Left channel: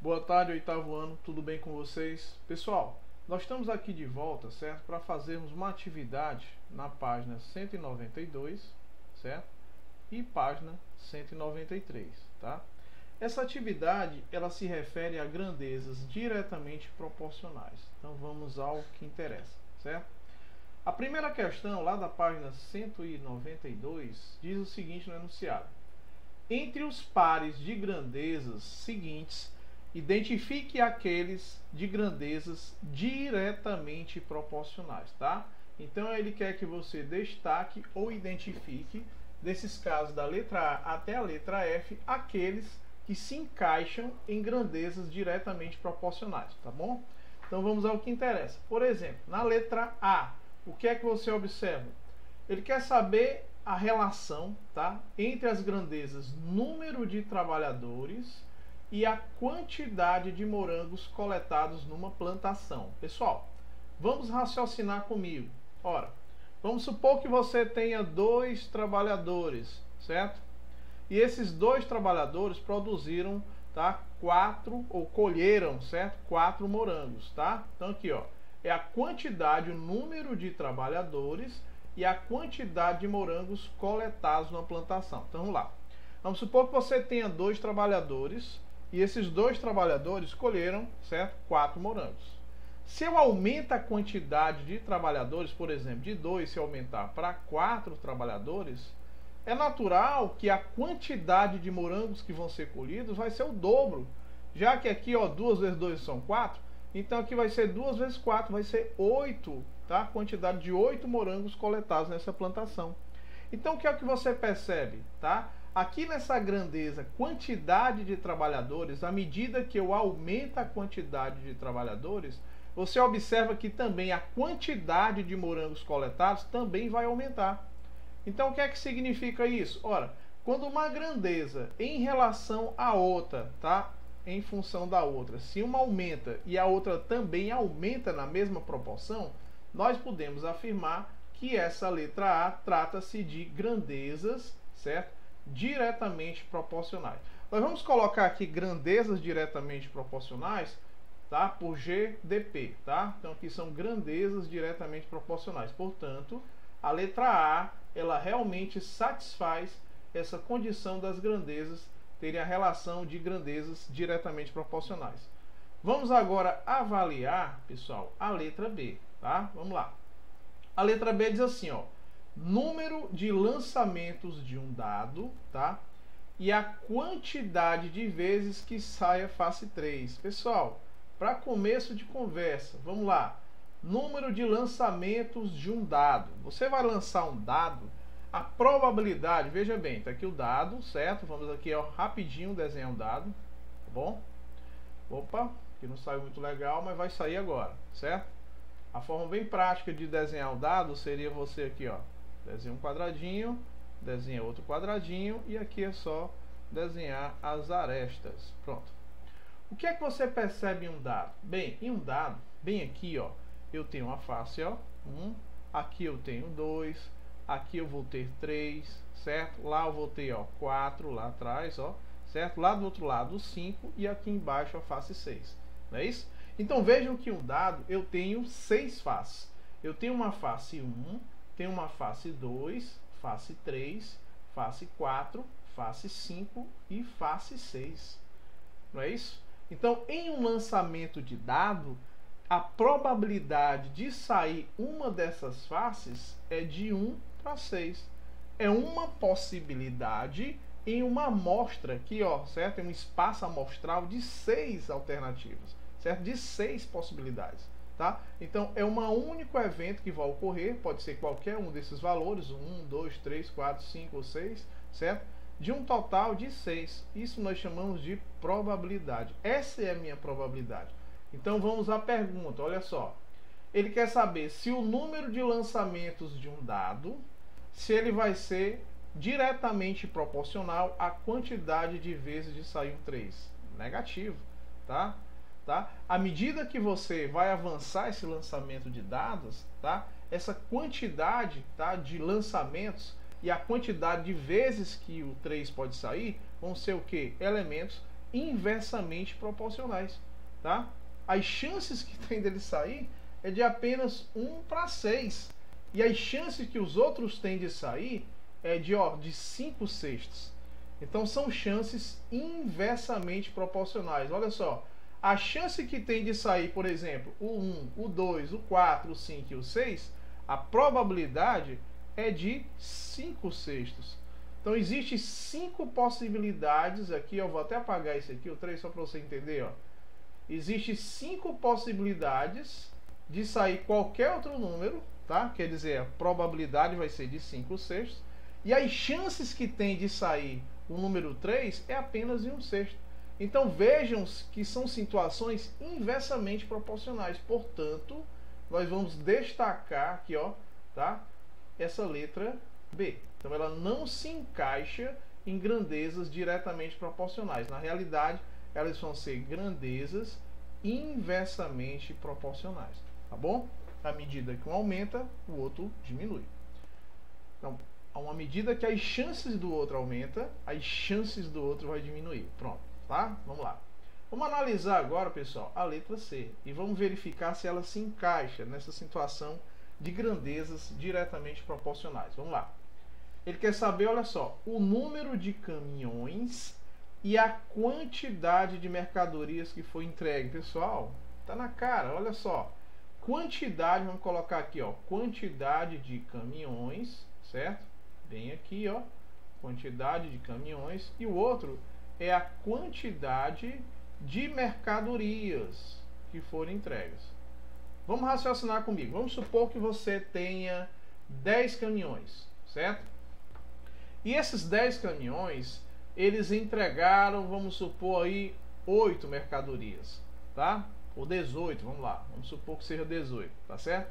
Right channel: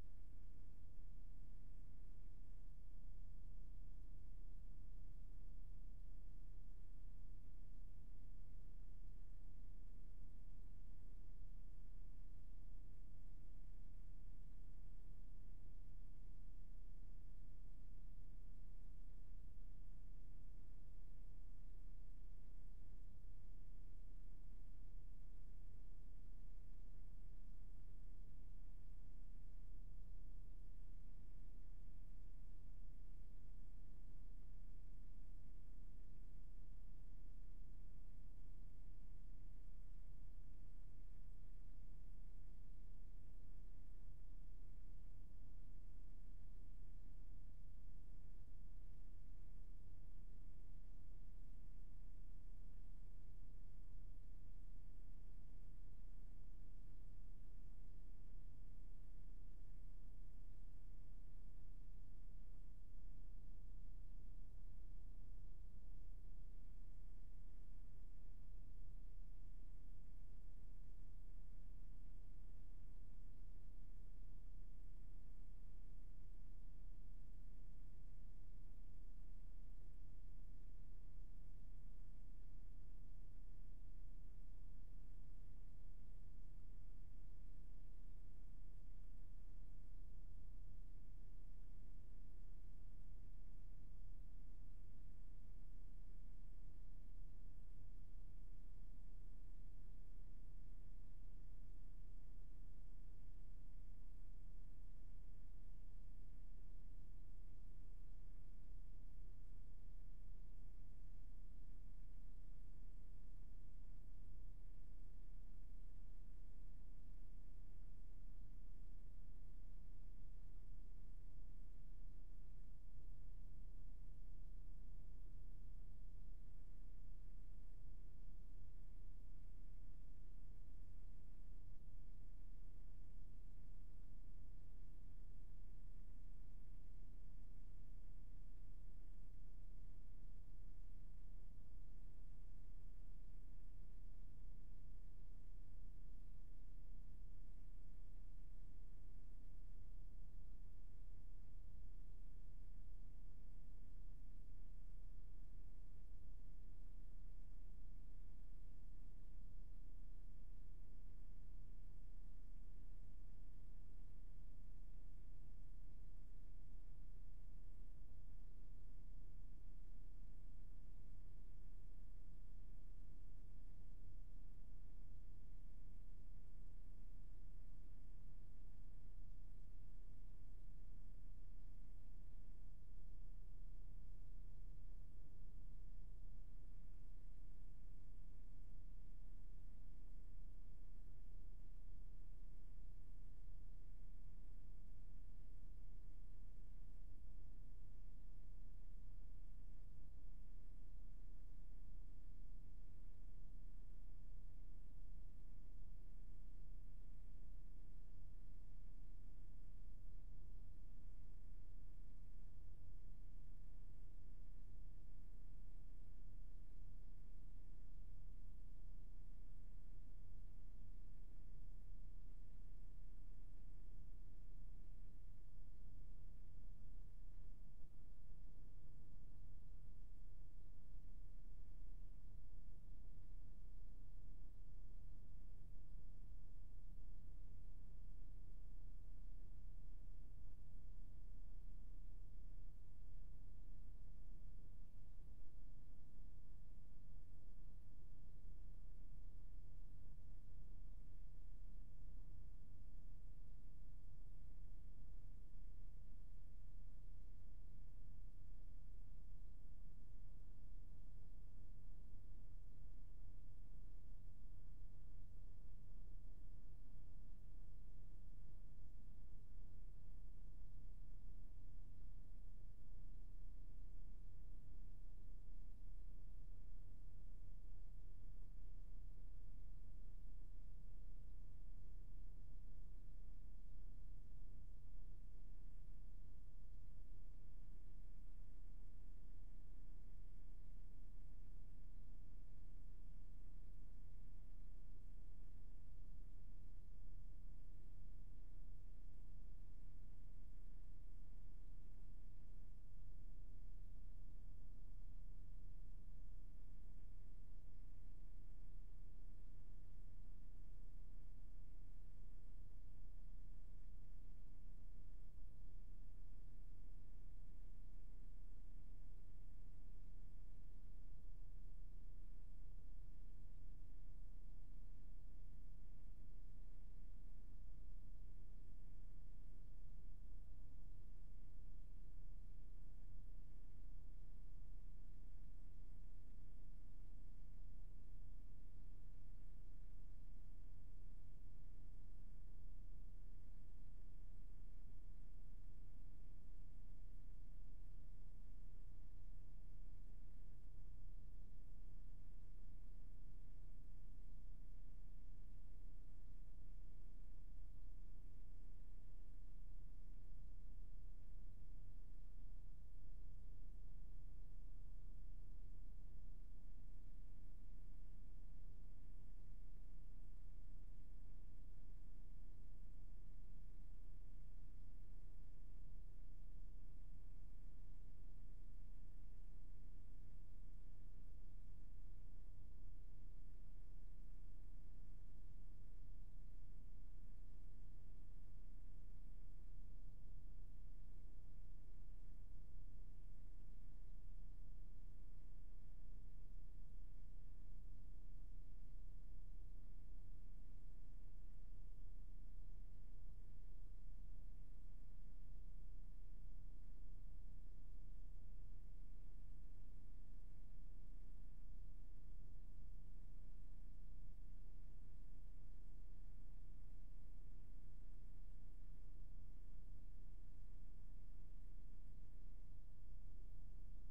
Boa tarde, oitavo ano, tudo bem com vocês? Pessoal, nós estamos aqui de volta, certo? Para fazermos uma atividade na página 192, certo? E página 193, tá? Essa atividade, ela se refere a grandezas diretamente proporcionais. Então vamos ao que interessa, certo? A primeira questão, lá da página 192, diz o seguinte no enunciado: entre os pares de grandezas seguintes, identifique aqueles de grandezas diretamente proporcionais, tá? Então ele quer que você destaque ou identifique, desses casos da letra A até a letra F, aqueles que se encaixam em grandezas diretamente proporcionais, tá bom? Então vamos ao que interessa. Por exemplo, na letra A, o que é que você observa? Ele quer saber a relação, tá, entre as grandezas número de trabalhadores e a quantidade de morangos coletados numa plantação. Pessoal, vamos raciocinar comigo. Ora, vamos supor que você tenha 2 trabalhadores, certo? E esses 2 trabalhadores produziram, tá, 4 ou colheram, certo? 4 morangos, tá? Então aqui, ó, é a quantidade, o número de trabalhadores e a quantidade de morangos coletados na plantação. Então vamos lá. Vamos supor que você tenha 2 trabalhadores e esses 2 trabalhadores colheram, certo, 4 morangos. Se eu aumento a quantidade de trabalhadores, por exemplo, de 2, se aumentar para 4 trabalhadores, é natural que a quantidade de morangos que vão ser colhidos vai ser o dobro. Já que aqui, ó, 2 vezes 2 são 4, então aqui vai ser 2 vezes 4, vai ser 8, tá? A quantidade de 8 morangos coletados nessa plantação. Então o que é que você percebe, tá? Aqui nessa grandeza, quantidade de trabalhadores, à medida que eu aumento a quantidade de trabalhadores, você observa que também a quantidade de morangos coletados também vai aumentar. Então o que é que significa isso? Ora, quando uma grandeza em relação à outra, tá? Em função da outra, se uma aumenta e a outra também aumenta na mesma proporção, nós podemos afirmar que essa letra A trata-se de grandezas, certo? Diretamente proporcionais. Nós vamos colocar aqui grandezas diretamente proporcionais, tá? Por GDP, tá? Então aqui são grandezas diretamente proporcionais. Portanto, a letra A, ela realmente satisfaz essa condição das grandezas terem a relação de grandezas diretamente proporcionais. Vamos agora avaliar, pessoal, a letra B, tá? Vamos lá. A letra B diz assim, ó: número de lançamentos de um dado, tá? E a quantidade de vezes que sai a face 3. Pessoal, para começo de conversa, vamos lá. Número de lançamentos de um dado. Você vai lançar um dado, a probabilidade, veja bem, tá aqui o dado, certo? Vamos aqui, ó, rapidinho desenhar um dado, tá bom? Opa, que não saiu muito legal, mas vai sair agora, certo? A forma bem prática de desenhar o dado seria você aqui, ó, desenha um quadradinho, desenha outro quadradinho e aqui é só desenhar as arestas. Pronto. O que é que você percebe em um dado? Bem, em um dado, bem aqui, ó, eu tenho uma face, ó, 1, aqui eu tenho 2, aqui eu vou ter 3, certo? Lá eu vou ter, ó, 4 lá atrás, ó, certo? Lá do outro lado 5 e aqui embaixo a face 6, não é isso? Então vejam que um dado eu tenho 6 faces. Eu tenho uma face 1, tenho uma face 2, face 3, face 4, face 5 e face 6. Não é isso? Então, em um lançamento de dado, a probabilidade de sair uma dessas faces é de 1 para 6. É uma possibilidade em uma amostra aqui, ó, certo? Em um espaço amostral de 6 alternativas, certo? De 6 possibilidades, tá? Então, é um único evento que vai ocorrer, pode ser qualquer um desses valores, 1, 2, 3, 4, 5 ou 6, certo? De um total de 6. Isso nós chamamos de probabilidade. Essa é a minha probabilidade. Então vamos à pergunta, olha só. Ele quer saber se o número de lançamentos de um dado, se ele vai ser diretamente proporcional à quantidade de vezes de sair um 3. Negativo, tá? À medida que você vai avançar esse lançamento de dados, tá? Essa quantidade, tá, de lançamentos e a quantidade de vezes que o 3 pode sair vão ser o que? Elementos inversamente proporcionais, tá? As chances que tem dele sair é de apenas 1 para 6. E as chances que os outros têm de sair é de 5 sextos. Então são chances inversamente proporcionais. Olha só, a chance que tem de sair, por exemplo, o 1, o 2, o 4, o 5 e o 6, a probabilidade é de 5 sextos. Então existe 5 possibilidades aqui, eu vou até apagar isso aqui, o 3 só para você entender, ó. Existe 5 possibilidades de sair qualquer outro número, tá? Quer dizer, a probabilidade vai ser de 5 sextos. E as chances que tem de sair o número 3 é apenas de 1 sexto. Então vejam que são situações inversamente proporcionais. Portanto, nós vamos destacar aqui, ó, tá? Essa letra B. Então ela não se encaixa em grandezas diretamente proporcionais. Na realidade, elas vão ser grandezas inversamente proporcionais, tá bom? À medida que um aumenta, o outro diminui. Então, a uma medida que as chances do outro aumenta, as chances do outro vai diminuir. Pronto, tá? Vamos lá. Vamos analisar agora, pessoal, a letra C e vamos verificar se ela se encaixa nessa situação de grandezas diretamente proporcionais. Vamos lá. Ele quer saber, olha só, o número de caminhões e a quantidade de mercadorias que foi entregue. Pessoal, tá na cara, olha só. Quantidade, vamos colocar aqui, ó, quantidade de caminhões, certo? Bem aqui, ó, quantidade de caminhões. E o outro é a quantidade de mercadorias que foram entregues. Vamos raciocinar comigo. Vamos supor que você tenha 10 caminhões, certo? E esses 10 caminhões, eles entregaram, vamos supor aí, 8 mercadorias, tá? Ou 18, vamos lá. Vamos supor que seja 18, tá certo?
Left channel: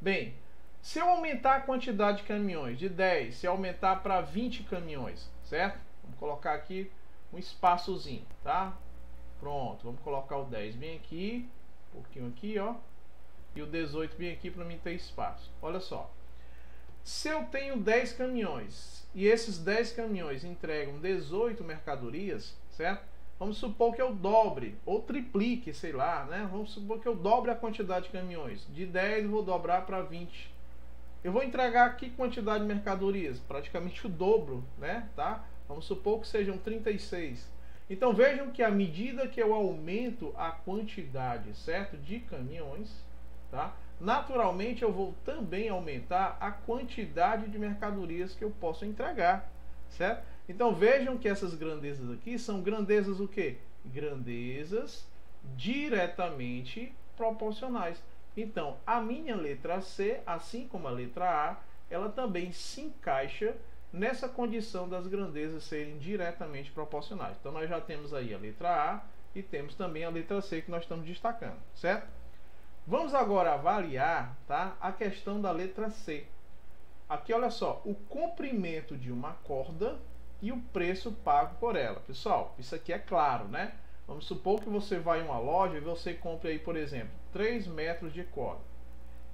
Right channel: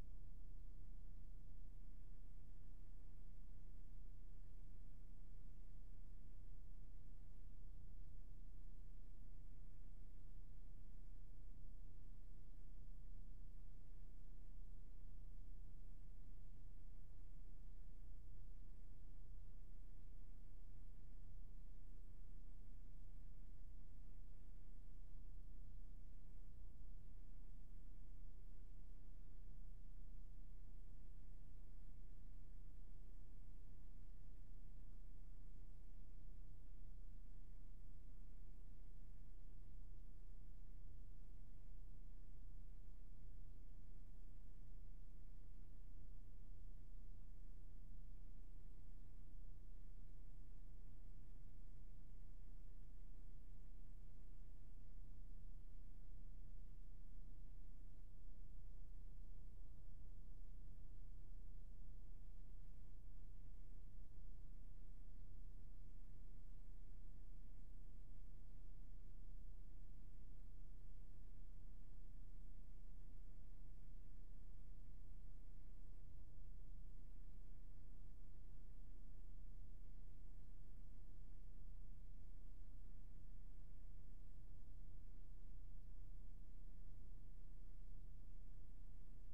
Bem, se eu aumentar a quantidade de caminhões de 10, se eu aumentar para 20 caminhões, certo? Vamos colocar aqui um espaçozinho, tá? Pronto, vamos colocar o 10 bem aqui, um pouquinho aqui, ó. E o 18 bem aqui para mim ter espaço. Olha só. Se eu tenho 10 caminhões e esses 10 caminhões entregam 18 mercadorias, certo? Vamos supor que eu dobre ou triplique, sei lá, né? Vamos supor que eu dobre a quantidade de caminhões. De 10 eu vou dobrar para 20. Eu vou entregar aqui quantidade de mercadorias, praticamente o dobro, né? Tá? Vamos supor que sejam 36. Então vejam que à medida que eu aumento a quantidade, certo, de caminhões, tá? Naturalmente eu vou também aumentar a quantidade de mercadorias que eu posso entregar, certo? Então vejam que essas grandezas aqui são grandezas o quê? Grandezas diretamente proporcionais. Então a minha letra C, assim como a letra A, ela também se encaixa nessa condição das grandezas serem diretamente proporcionais. Então nós já temos aí a letra A e temos também a letra C que nós estamos destacando, certo? Vamos agora avaliar, tá, a questão da letra C. Aqui, olha só, o comprimento de uma corda e o preço pago por ela. Pessoal, isso aqui é claro, né? Vamos supor que você vai em uma loja e você compra aí, por exemplo, 3 metros de corda.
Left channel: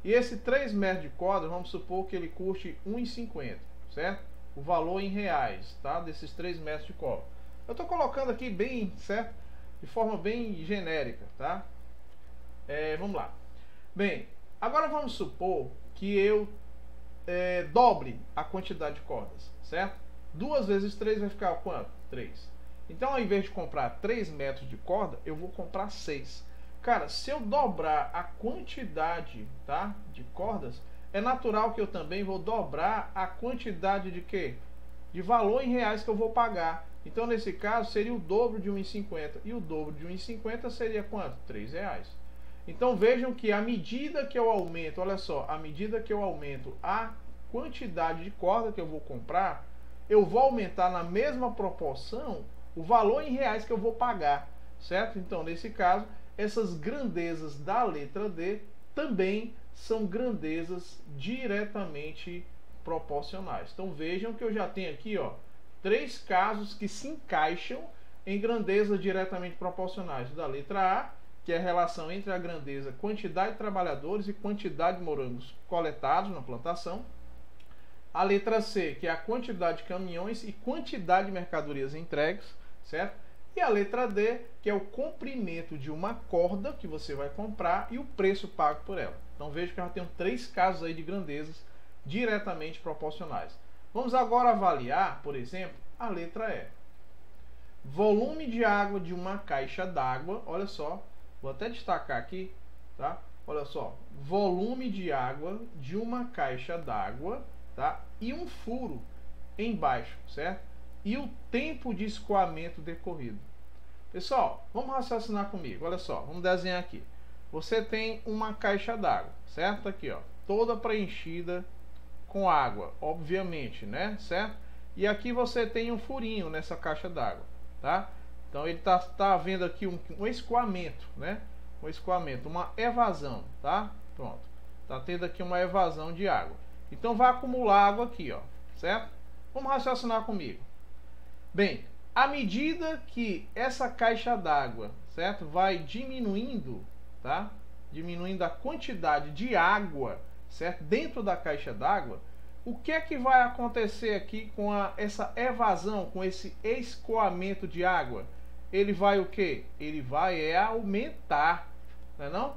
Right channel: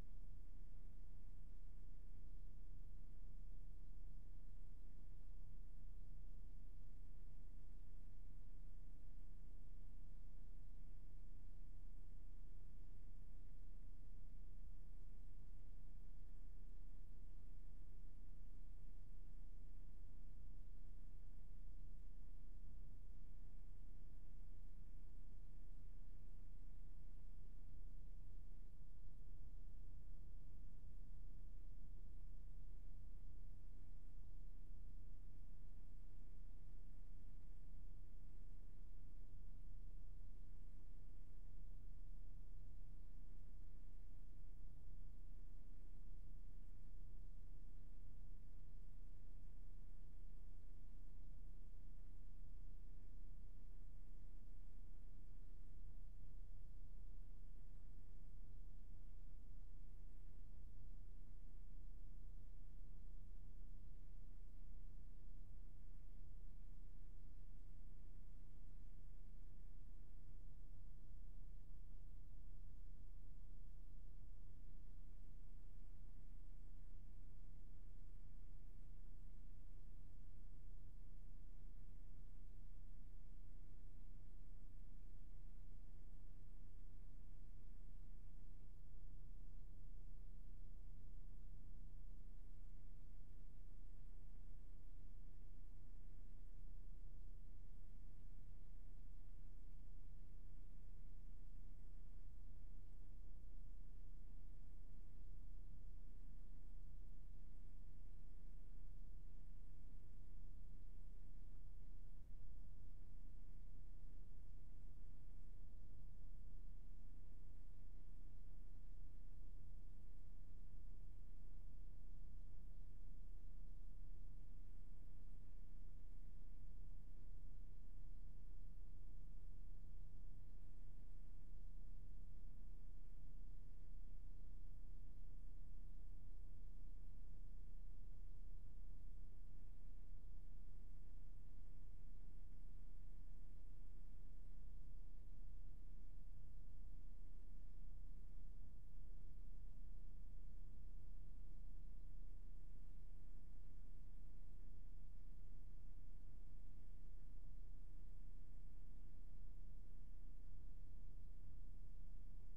E esse 3 metros de corda, vamos supor que ele custe R$ 1,50, certo? O valor em reais, tá? Desses 3 metros de corda. Eu estou colocando aqui bem, certo? De forma bem genérica, tá? Vamos lá. Bem, agora vamos supor que eu dobre a quantidade de cordas, certo? 2 vezes 3 vai ficar quanto? 3. Então, ao invés de comprar 3 metros de corda, eu vou comprar 6. Cara, se eu dobrar a quantidade, tá, de cordas, é natural que eu também vou dobrar a quantidade de quê? De valor em reais que eu vou pagar. Então, nesse caso, seria o dobro de 1,50. E o dobro de 1,50 seria quanto? R$3. Então vejam que à medida que eu aumento, olha só, à medida que eu aumento a quantidade de corda que eu vou comprar, eu vou aumentar na mesma proporção o valor em reais que eu vou pagar, certo? Então, nesse caso, essas grandezas da letra D também são grandezas diretamente proporcionais. Então vejam que eu já tenho aqui, ó, 3 casos que se encaixam em grandezas diretamente proporcionais. Da letra A, que é a relação entre a grandeza, quantidade de trabalhadores e quantidade de morangos coletados na plantação. A letra C, que é a quantidade de caminhões e quantidade de mercadorias entregues, certo? E a letra D, que é o comprimento de uma corda que você vai comprar e o preço pago por ela. Então veja que eu já tenho 3 casos aí de grandezas diretamente proporcionais. Vamos agora avaliar, por exemplo, a letra E. Volume de água de uma caixa d'água, olha só, vou até destacar aqui, tá? Olha só, volume de água de uma caixa d'água, tá? E um furo embaixo, certo? E o tempo de escoamento decorrido. Pessoal, vamos raciocinar comigo, olha só, vamos desenhar aqui. Você tem uma caixa d'água, certo? Aqui, ó, toda preenchida com água, obviamente, né? Certo? E aqui você tem um furinho nessa caixa d'água, tá? Então ele tá havendo aqui um escoamento, né? Um escoamento, uma evasão, tá? Pronto. Tá tendo aqui uma evasão de água. Então vai acumular água aqui, ó, certo? Vamos raciocinar comigo. Bem, à medida que essa caixa d'água, certo, vai diminuindo, tá? Diminuindo a quantidade de água, certo, dentro da caixa d'água, o que é que vai acontecer aqui com essa evasão, com esse escoamento de água? Ele vai o quê? Ele vai aumentar, não é não?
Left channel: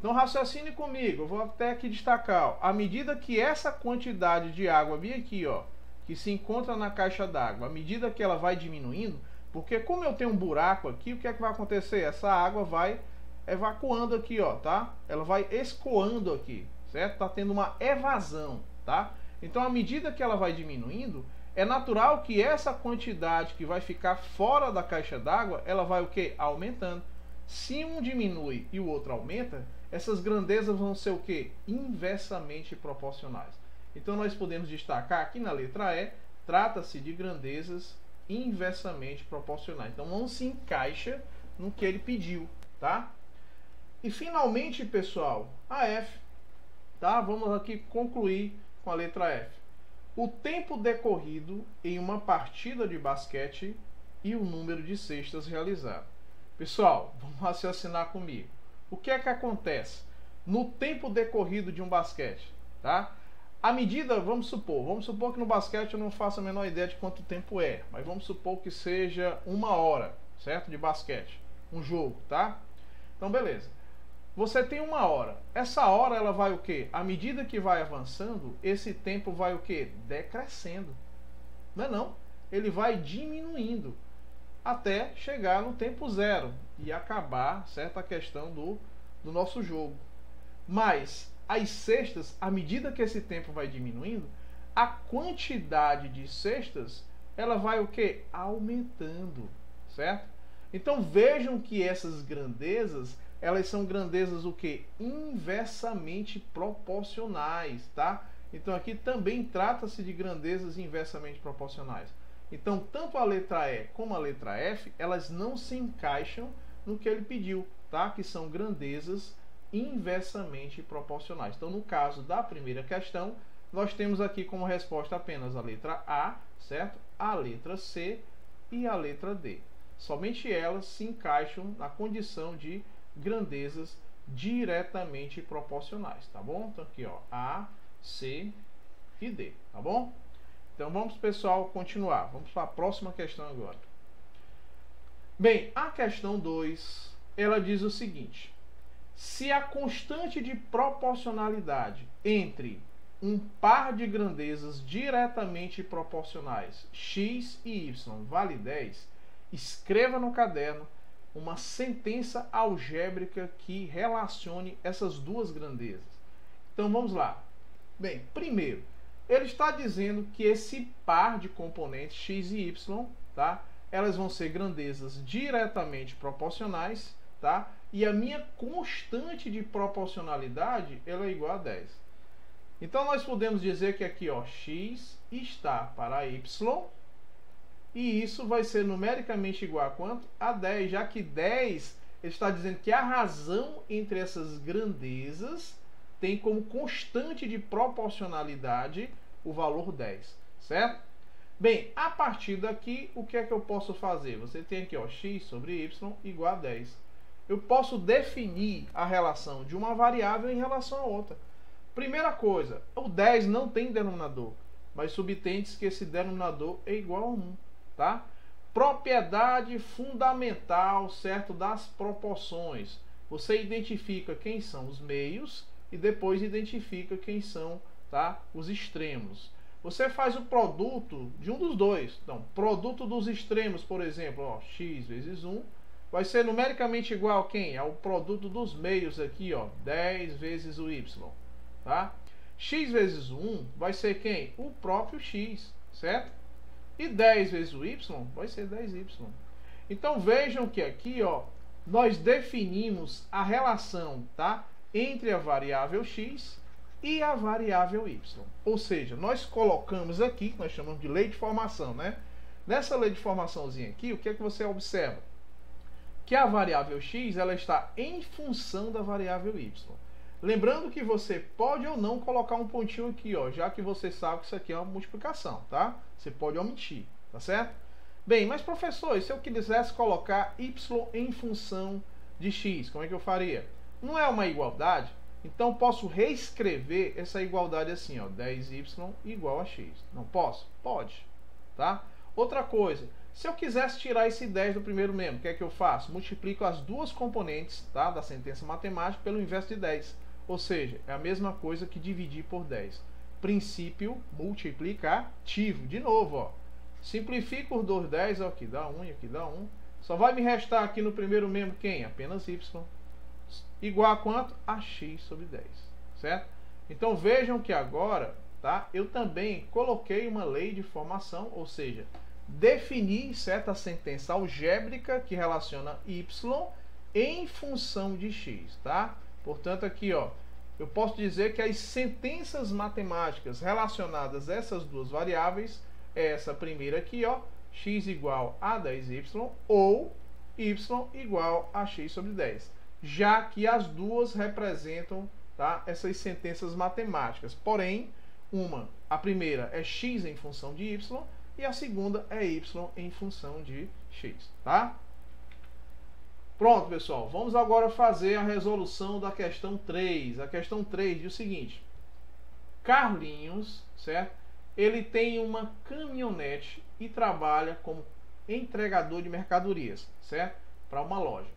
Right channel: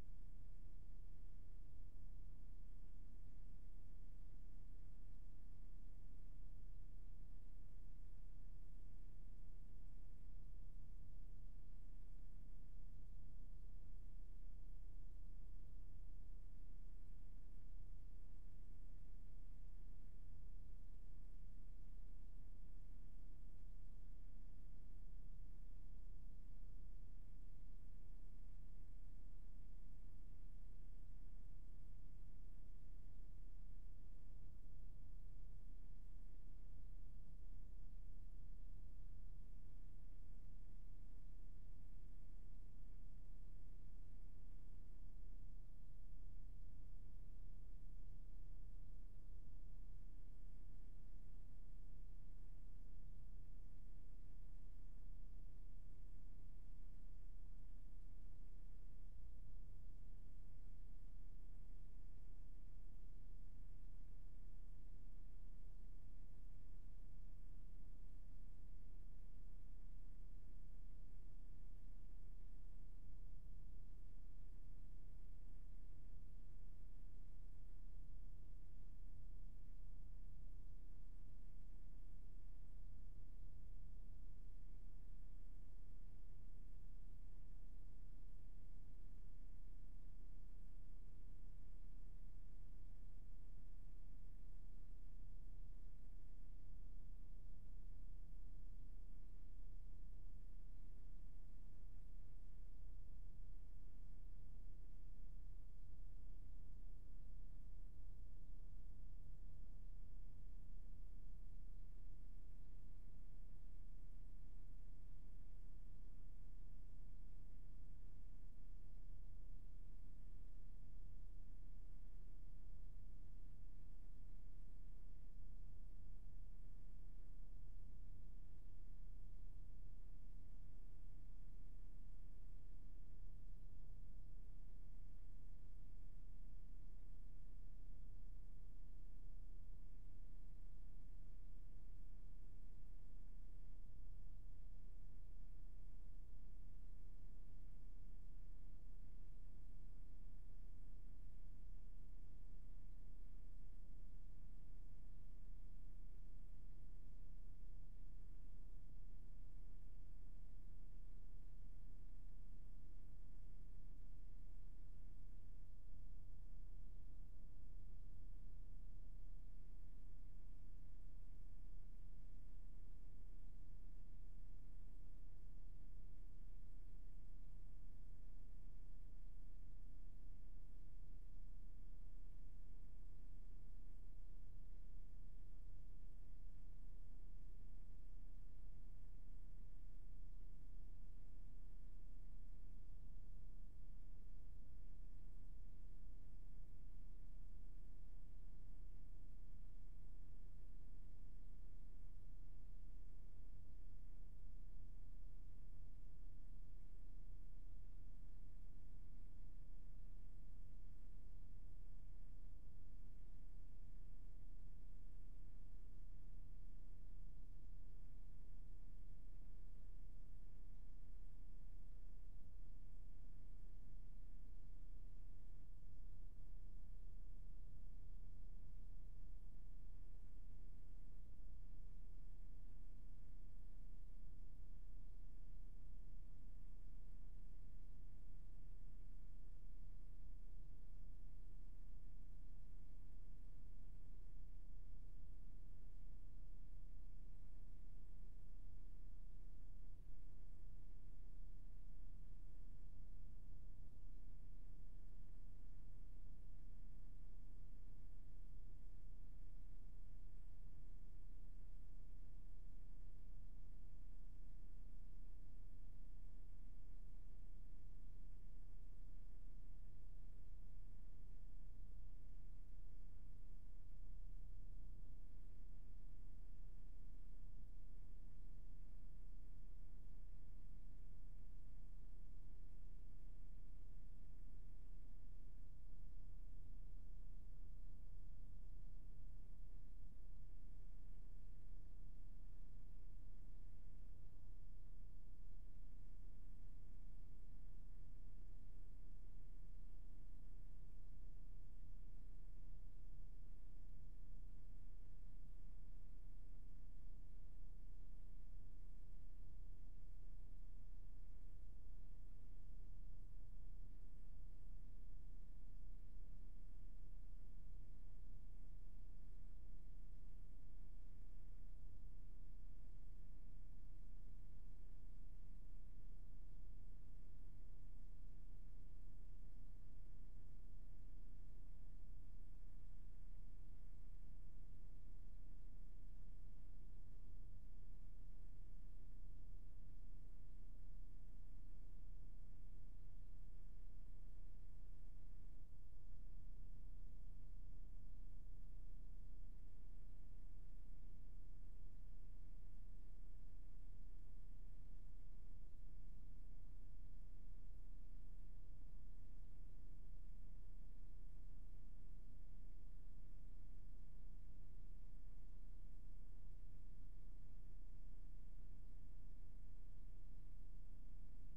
Então raciocine comigo, eu vou até aqui destacar, ó, à medida que essa quantidade de água vem aqui, ó, que se encontra na caixa d'água, à medida que ela vai diminuindo, porque como eu tenho um buraco aqui, o que é que vai acontecer? Essa água vai evacuando aqui, ó, tá? Ela vai escoando aqui, certo? Tá tendo uma evasão, tá? Então, à medida que ela vai diminuindo, é natural que essa quantidade que vai ficar fora da caixa d'água, ela vai o quê? Aumentando. Se um diminui e o outro aumenta, essas grandezas vão ser o quê? Inversamente proporcionais. Então nós podemos destacar aqui na letra E, trata-se de grandezas inversamente proporcionais. Então não se encaixa no que ele pediu, tá? E finalmente, pessoal, a F, tá? Vamos aqui concluir com a letra F. O tempo decorrido em uma partida de basquete e o número de cestas realizado. Pessoal, vamos raciocinar comigo. O que é que acontece no tempo decorrido de um basquete, tá? À medida, vamos supor que no basquete eu não faço a menor ideia de quanto tempo é, mas vamos supor que seja 1 hora, certo? De basquete, um jogo, tá? Então, beleza. Você tem 1 hora. Essa hora ela vai o quê? À medida que vai avançando, esse tempo vai o quê? Decrescendo. Não é não? Ele vai diminuindo até chegar no tempo zero e acabar, certo? A questão do nosso jogo. Mas as cestas, à medida que esse tempo vai diminuindo, a quantidade de cestas, ela vai o quê? Aumentando, certo? Então vejam que essas grandezas, elas são grandezas o quê? Inversamente proporcionais, tá? Então aqui também trata-se de grandezas inversamente proporcionais. Então tanto a letra E como a letra F, elas não se encaixam no que ele pediu, tá? Que são grandezas inversamente proporcionais. Então, no caso da primeira questão, nós temos aqui como resposta apenas a letra A, certo? A letra C e a letra D. Somente elas se encaixam na condição de grandezas diretamente proporcionais, tá bom? Então, aqui, ó, A, C e D, tá bom? Então, vamos, pessoal, continuar. Vamos para a próxima questão agora. Bem, a questão 2, ela diz o seguinte: se a constante de proporcionalidade entre um par de grandezas diretamente proporcionais x e y vale 10, escreva no caderno uma sentença algébrica que relacione essas duas grandezas. Então vamos lá. Bem, primeiro, ele está dizendo que esse par de componentes x e y, tá? Elas vão ser grandezas diretamente proporcionais, tá? E a minha constante de proporcionalidade ela é igual a 10. Então nós podemos dizer que aqui, ó, x está para y, e isso vai ser numericamente igual a quanto? A 10, já que 10 ele está dizendo que a razão entre essas grandezas tem como constante de proporcionalidade o valor 10, certo? Bem, a partir daqui, o que é que eu posso fazer? Você tem aqui, ó, x sobre y igual a 10. Eu posso definir a relação de uma variável em relação a outra. Primeira coisa, o 10 não tem denominador, mas subtende-se que esse denominador é igual a 1, tá? propriedade fundamental, certo, das proporções. Você identifica quem são os meios e depois identifica quem são, tá, os extremos. Você faz o produto de um dos dois. Então, produto dos extremos, por exemplo, ó, x vezes 1, vai ser numericamente igual a quem? Ao produto dos meios aqui, ó, 10 vezes o y, tá? X vezes 1 vai ser quem? O próprio x, certo? E 10 vezes o y vai ser 10y. Então vejam que aqui, ó, nós definimos a relação, tá, entre a variável x e a variável y. Ou seja, nós colocamos aqui, que nós chamamos de lei de formação, né? Nessa lei de formaçãozinha aqui, o que é que você observa? Que a variável x, ela está em função da variável y. Lembrando que você pode ou não colocar um pontinho aqui, ó, já que você sabe que isso aqui é uma multiplicação, tá? Você pode omitir, tá certo? Bem, mas professor, e se eu quisesse colocar y em função de x, como é que eu faria? Não é uma igualdade? Então posso reescrever essa igualdade assim, ó, 10y igual a x. Não posso? Pode, tá? Outra coisa, se eu quisesse tirar esse 10 do primeiro membro, o que é que eu faço? Multiplico as duas componentes, tá, da sentença matemática pelo inverso de 10. Ou seja, é a mesma coisa que dividir por 10. Princípio multiplicativo. De novo, ó. Simplifico os dois 10, ó, aqui dá 1 e aqui dá 1. Só vai me restar aqui no primeiro membro quem? Apenas y. Igual a quanto? A x sobre 10. Certo? Então vejam que agora, tá, eu também coloquei uma lei de formação, ou seja, defini certa sentença algébrica que relaciona y em função de x, tá? Portanto, aqui, ó, eu posso dizer que as sentenças matemáticas relacionadas a essas duas variáveis é essa primeira aqui, ó, x igual a 10y ou y igual a x sobre 10, já que as duas representam, tá, essas sentenças matemáticas. Porém, a primeira é x em função de y e a segunda é y em função de x, tá? Pronto, pessoal, vamos agora fazer a resolução da questão 3. A questão 3 diz o seguinte: Carlinhos, certo? Ele tem uma caminhonete e trabalha como entregador de mercadorias, certo? Para uma loja.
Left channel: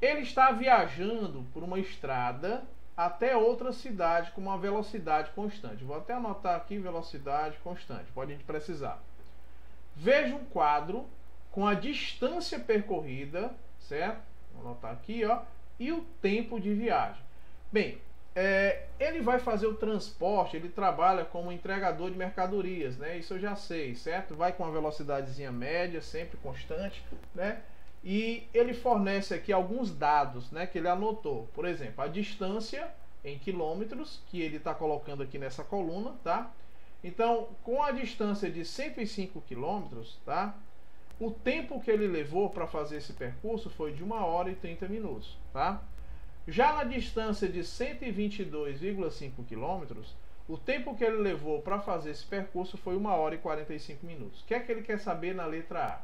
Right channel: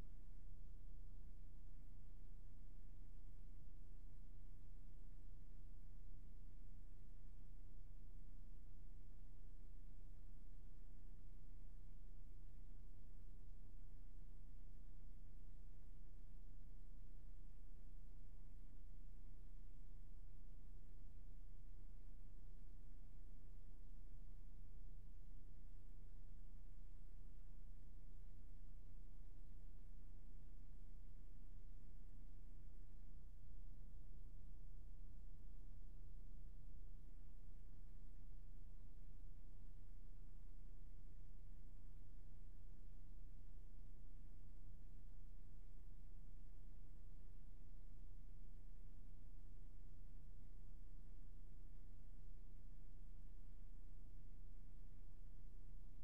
Ele está viajando por uma estrada até outra cidade com uma velocidade constante. Vou até anotar aqui velocidade constante, pode a gente precisar. Veja um quadro com a distância percorrida, certo? Vou anotar aqui, ó, e o tempo de viagem. Bem, ele vai fazer o transporte, ele trabalha como entregador de mercadorias, né? Isso eu já sei, certo? Vai com uma velocidadezinha média, sempre constante, né? E ele fornece aqui alguns dados, né, que ele anotou. Por exemplo, a distância em quilômetros, que ele está colocando aqui nessa coluna, tá? Então, com a distância de 105 quilômetros, tá? O tempo que ele levou para fazer esse percurso foi de 1 hora e 30 minutos, tá? Já na distância de 122,5 km, o tempo que ele levou para fazer esse percurso foi 1 hora e 45 minutos. O que é que ele quer saber na letra A?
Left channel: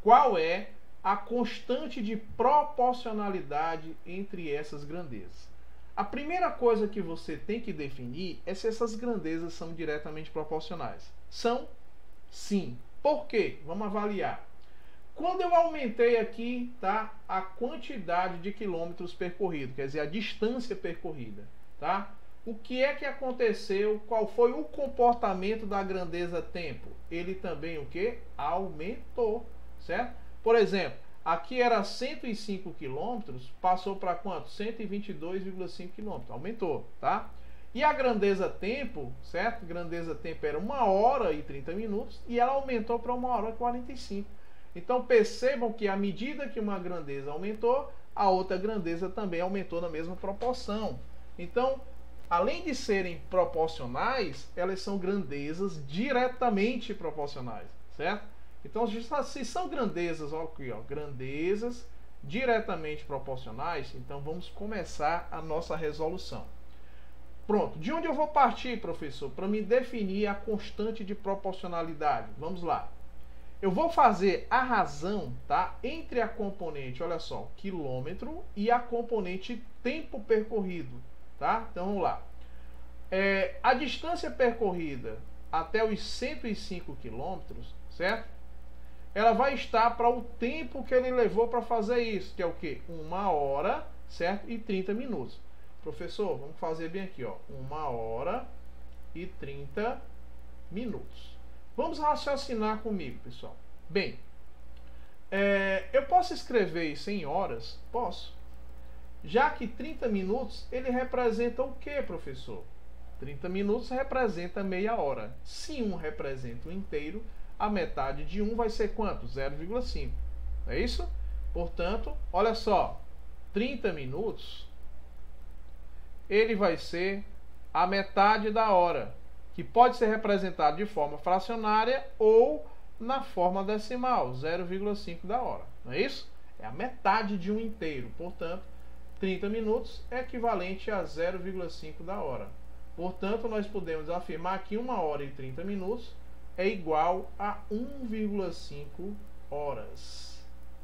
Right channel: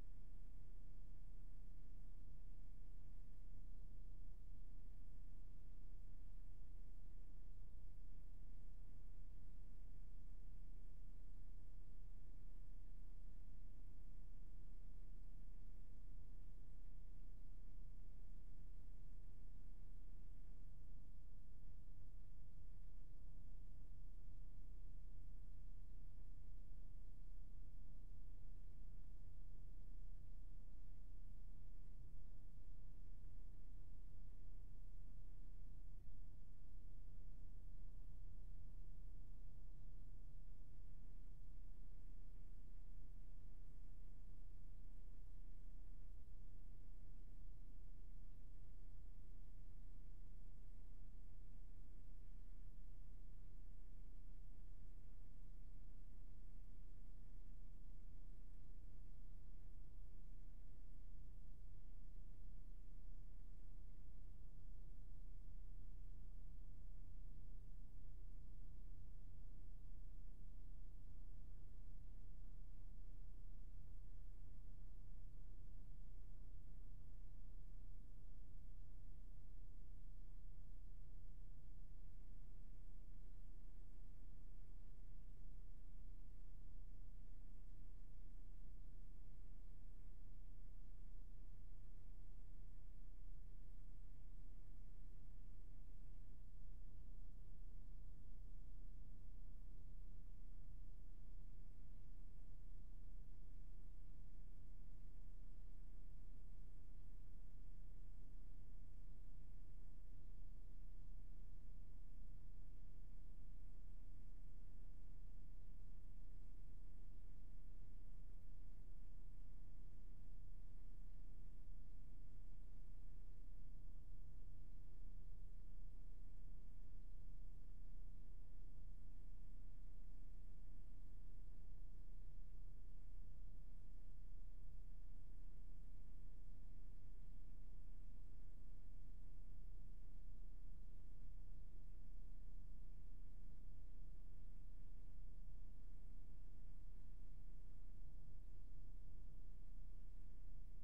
Qual é a constante de proporcionalidade entre essas grandezas? A primeira coisa que você tem que definir é se essas grandezas são diretamente proporcionais. São? Sim. Por quê? Vamos avaliar. Quando eu aumentei aqui, tá, a quantidade de quilômetros percorridos, quer dizer, a distância percorrida, tá? O que é que aconteceu? Qual foi o comportamento da grandeza tempo? Ele também o quê? Aumentou, certo? Por exemplo, aqui era 105 km, passou para quanto? 122,5 km, aumentou, tá? E a grandeza tempo, certo? Grandeza tempo era 1 hora e 30 minutos e ela aumentou para 1 hora e 45. Então percebam que à medida que uma grandeza aumentou, a outra grandeza também aumentou na mesma proporção. Então, além de serem proporcionais, elas são grandezas diretamente proporcionais, certo? Então, se são grandezas, ó, aqui, ó, grandezas diretamente proporcionais, então vamos começar a nossa resolução. Pronto, de onde eu vou partir, professor, para me definir a constante de proporcionalidade? Vamos lá. Eu vou fazer a razão, tá, entre a componente, olha só, quilômetro e a componente tempo percorrido, tá? Então vamos lá. A distância percorrida até os 105 quilômetros, certo? ela vai estar para o tempo que ele levou para fazer isso, que é o quê? 1 hora, certo? E 30 minutos. Professor, vamos fazer bem aqui, ó. 1 hora e 30 minutos. Vamos raciocinar comigo, pessoal. Bem, eu posso escrever isso em horas? Posso. Já que 30 minutos, ele representa o que, professor? 30 minutos representa meia hora. Se 1 representa o inteiro, a metade de 1 vai ser quanto? 0,5. É isso? Portanto, olha só. 30 minutos, ele vai ser a metade da hora, que pode ser representado de forma fracionária ou na forma decimal, 0,5 da hora. Não é isso? É a metade de 1 inteiro. Portanto, 30 minutos é equivalente a 0,5 da hora. Portanto, nós podemos afirmar que 1 hora e 30 minutos é igual a 1,5 horas.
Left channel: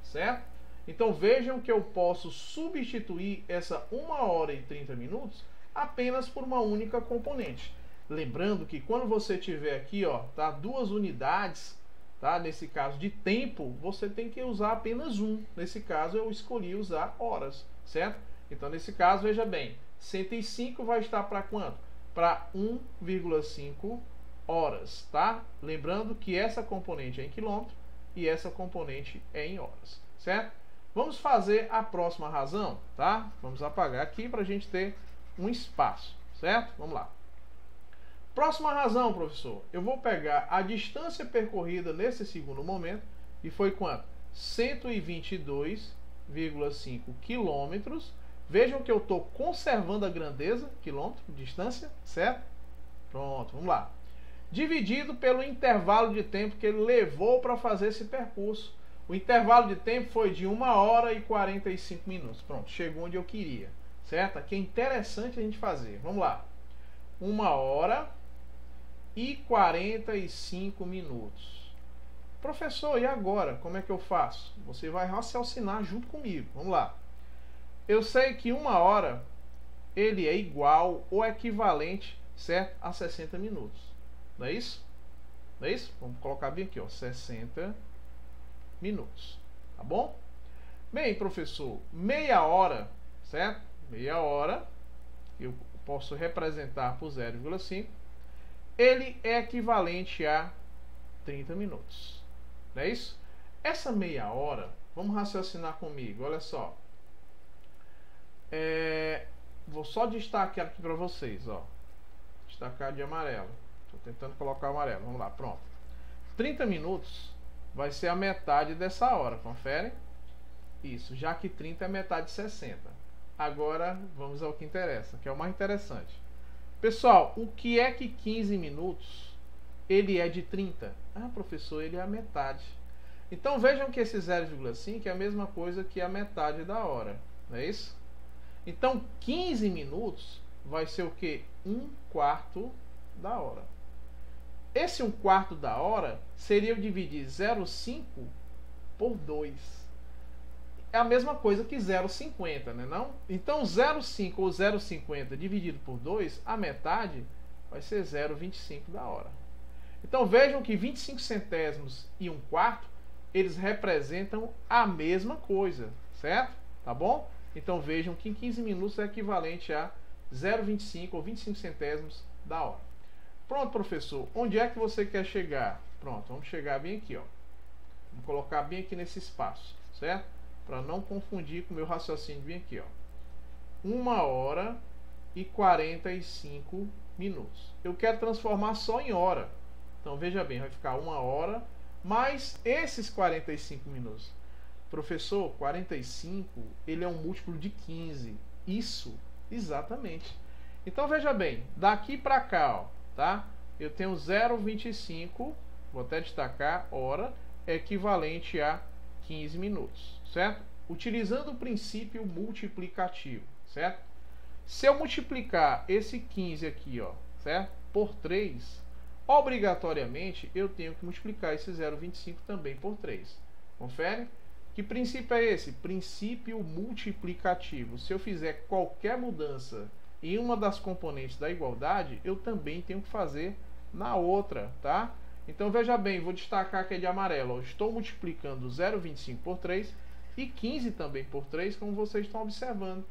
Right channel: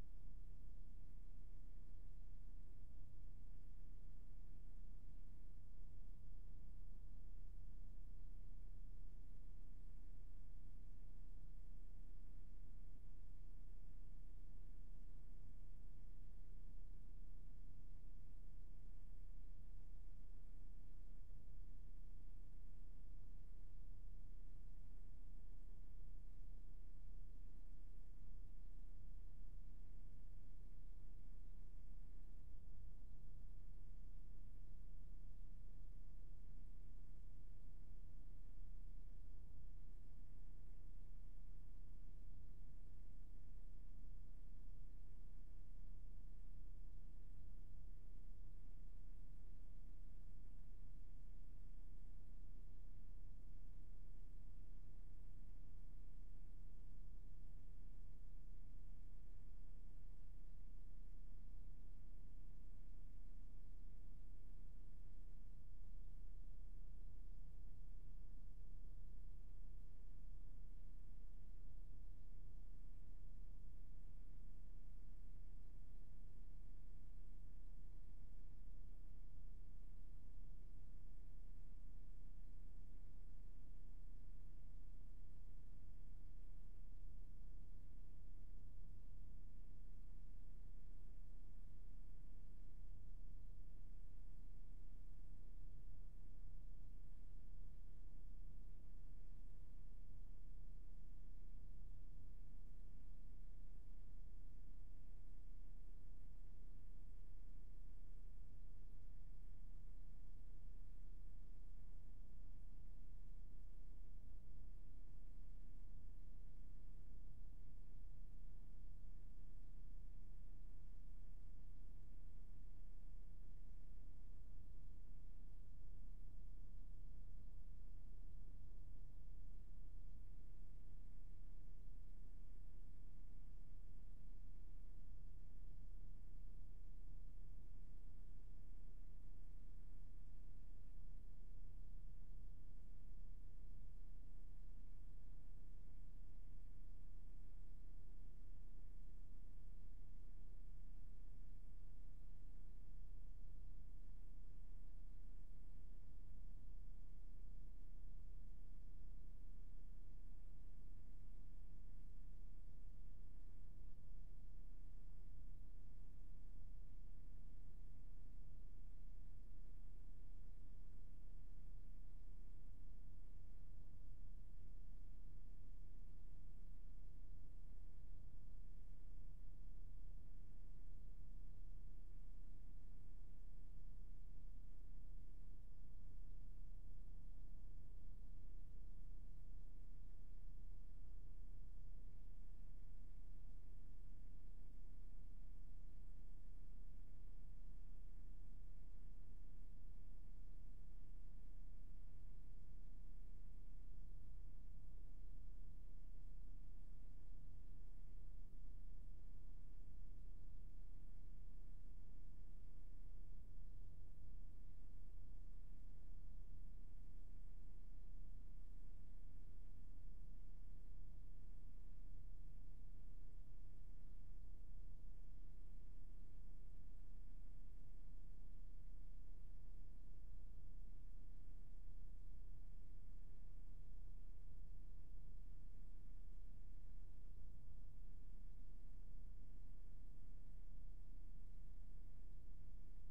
Certo? Então vejam que eu posso substituir essa 1 hora e 30 minutos apenas por uma única componente. Lembrando que quando você tiver aqui, ó, tá, 2 unidades, tá, nesse caso de tempo, você tem que usar apenas um. Nesse caso eu escolhi usar horas, certo? Então nesse caso, veja bem, 105 vai estar para quanto? Para 1,5 horas, tá? Lembrando que essa componente é em quilômetro e essa componente é em horas, certo? Vamos fazer a próxima razão, tá? Vamos apagar aqui para a gente ter um espaço, certo? Vamos lá. Próxima razão, professor. Eu vou pegar a distância percorrida nesse segundo momento, e foi quanto? 122,5 quilômetros. Vejam que eu estou conservando a grandeza, quilômetro, distância, certo? Pronto, vamos lá. Dividido pelo intervalo de tempo que ele levou para fazer esse percurso. O intervalo de tempo foi de 1 hora e 45 minutos. Pronto, chegou onde eu queria, certo? Aqui é interessante a gente fazer. Vamos lá. 1 hora e 45 minutos. Professor, e agora? Como é que eu faço? Você vai raciocinar junto comigo. Vamos lá. Eu sei que 1 hora ele é igual ou equivalente, certo, a 60 minutos. Não é isso? Não é isso? Vamos colocar bem aqui, ó, 60 minutos. Tá bom? Bem, professor, meia hora, certo? Meia hora, eu posso representar por 0,5. Ele é equivalente a 30 minutos. Não é isso? Essa meia hora, vamos raciocinar comigo, olha só. Vou só destacar aqui para vocês, ó. Destacar de amarelo. Estou tentando colocar o amarelo. Vamos lá, pronto. 30 minutos vai ser a metade dessa hora, confere? Isso, já que 30 é metade de 60. Agora vamos ao que interessa, que é o mais interessante. Pessoal, o que é que 15 minutos ele é de 30? Ah, professor, ele é a metade. Então vejam que esse 0,5 é a mesma coisa que a metade da hora, não é isso? Então 15 minutos vai ser o que? 1/4 da hora. Esse 1/4 da hora seria eu dividir 0,5 por 2. É a mesma coisa que 0,50, né, não? Então 0,5 ou 0,50 dividido por 2, a metade vai ser 0,25 da hora. Então vejam que 25 centésimos e 1/4, eles representam a mesma coisa, certo? Tá bom? Então vejam que em 15 minutos é equivalente a 0,25 ou 25 centésimos da hora. Pronto, professor, onde é que você quer chegar? Pronto, vamos chegar bem aqui, ó. Vamos colocar bem aqui nesse espaço, certo? Para não confundir com o meu raciocínio bem aqui, ó. 1 hora e 45 minutos. Eu quero transformar só em hora. Então veja bem, vai ficar 1 hora mais esses 45 minutos. Professor, 45, ele é um múltiplo de 15. Isso, exatamente. Então veja bem, daqui para cá, ó, tá? Eu tenho 0,25, vou até destacar, hora, é equivalente a 15 minutos, certo? Utilizando o princípio multiplicativo, certo? Se eu multiplicar esse 15 aqui, ó, certo? Por 3, obrigatoriamente eu tenho que multiplicar esse 0,25 também por 3. Confere? Que princípio é esse? Princípio multiplicativo. Se eu fizer qualquer mudança em uma das componentes da igualdade, eu também tenho que fazer na outra, tá? Então veja bem, vou destacar que é de amarelo. Ó, estou multiplicando 0,25 por 3 e 15 também por 3, como vocês estão observando.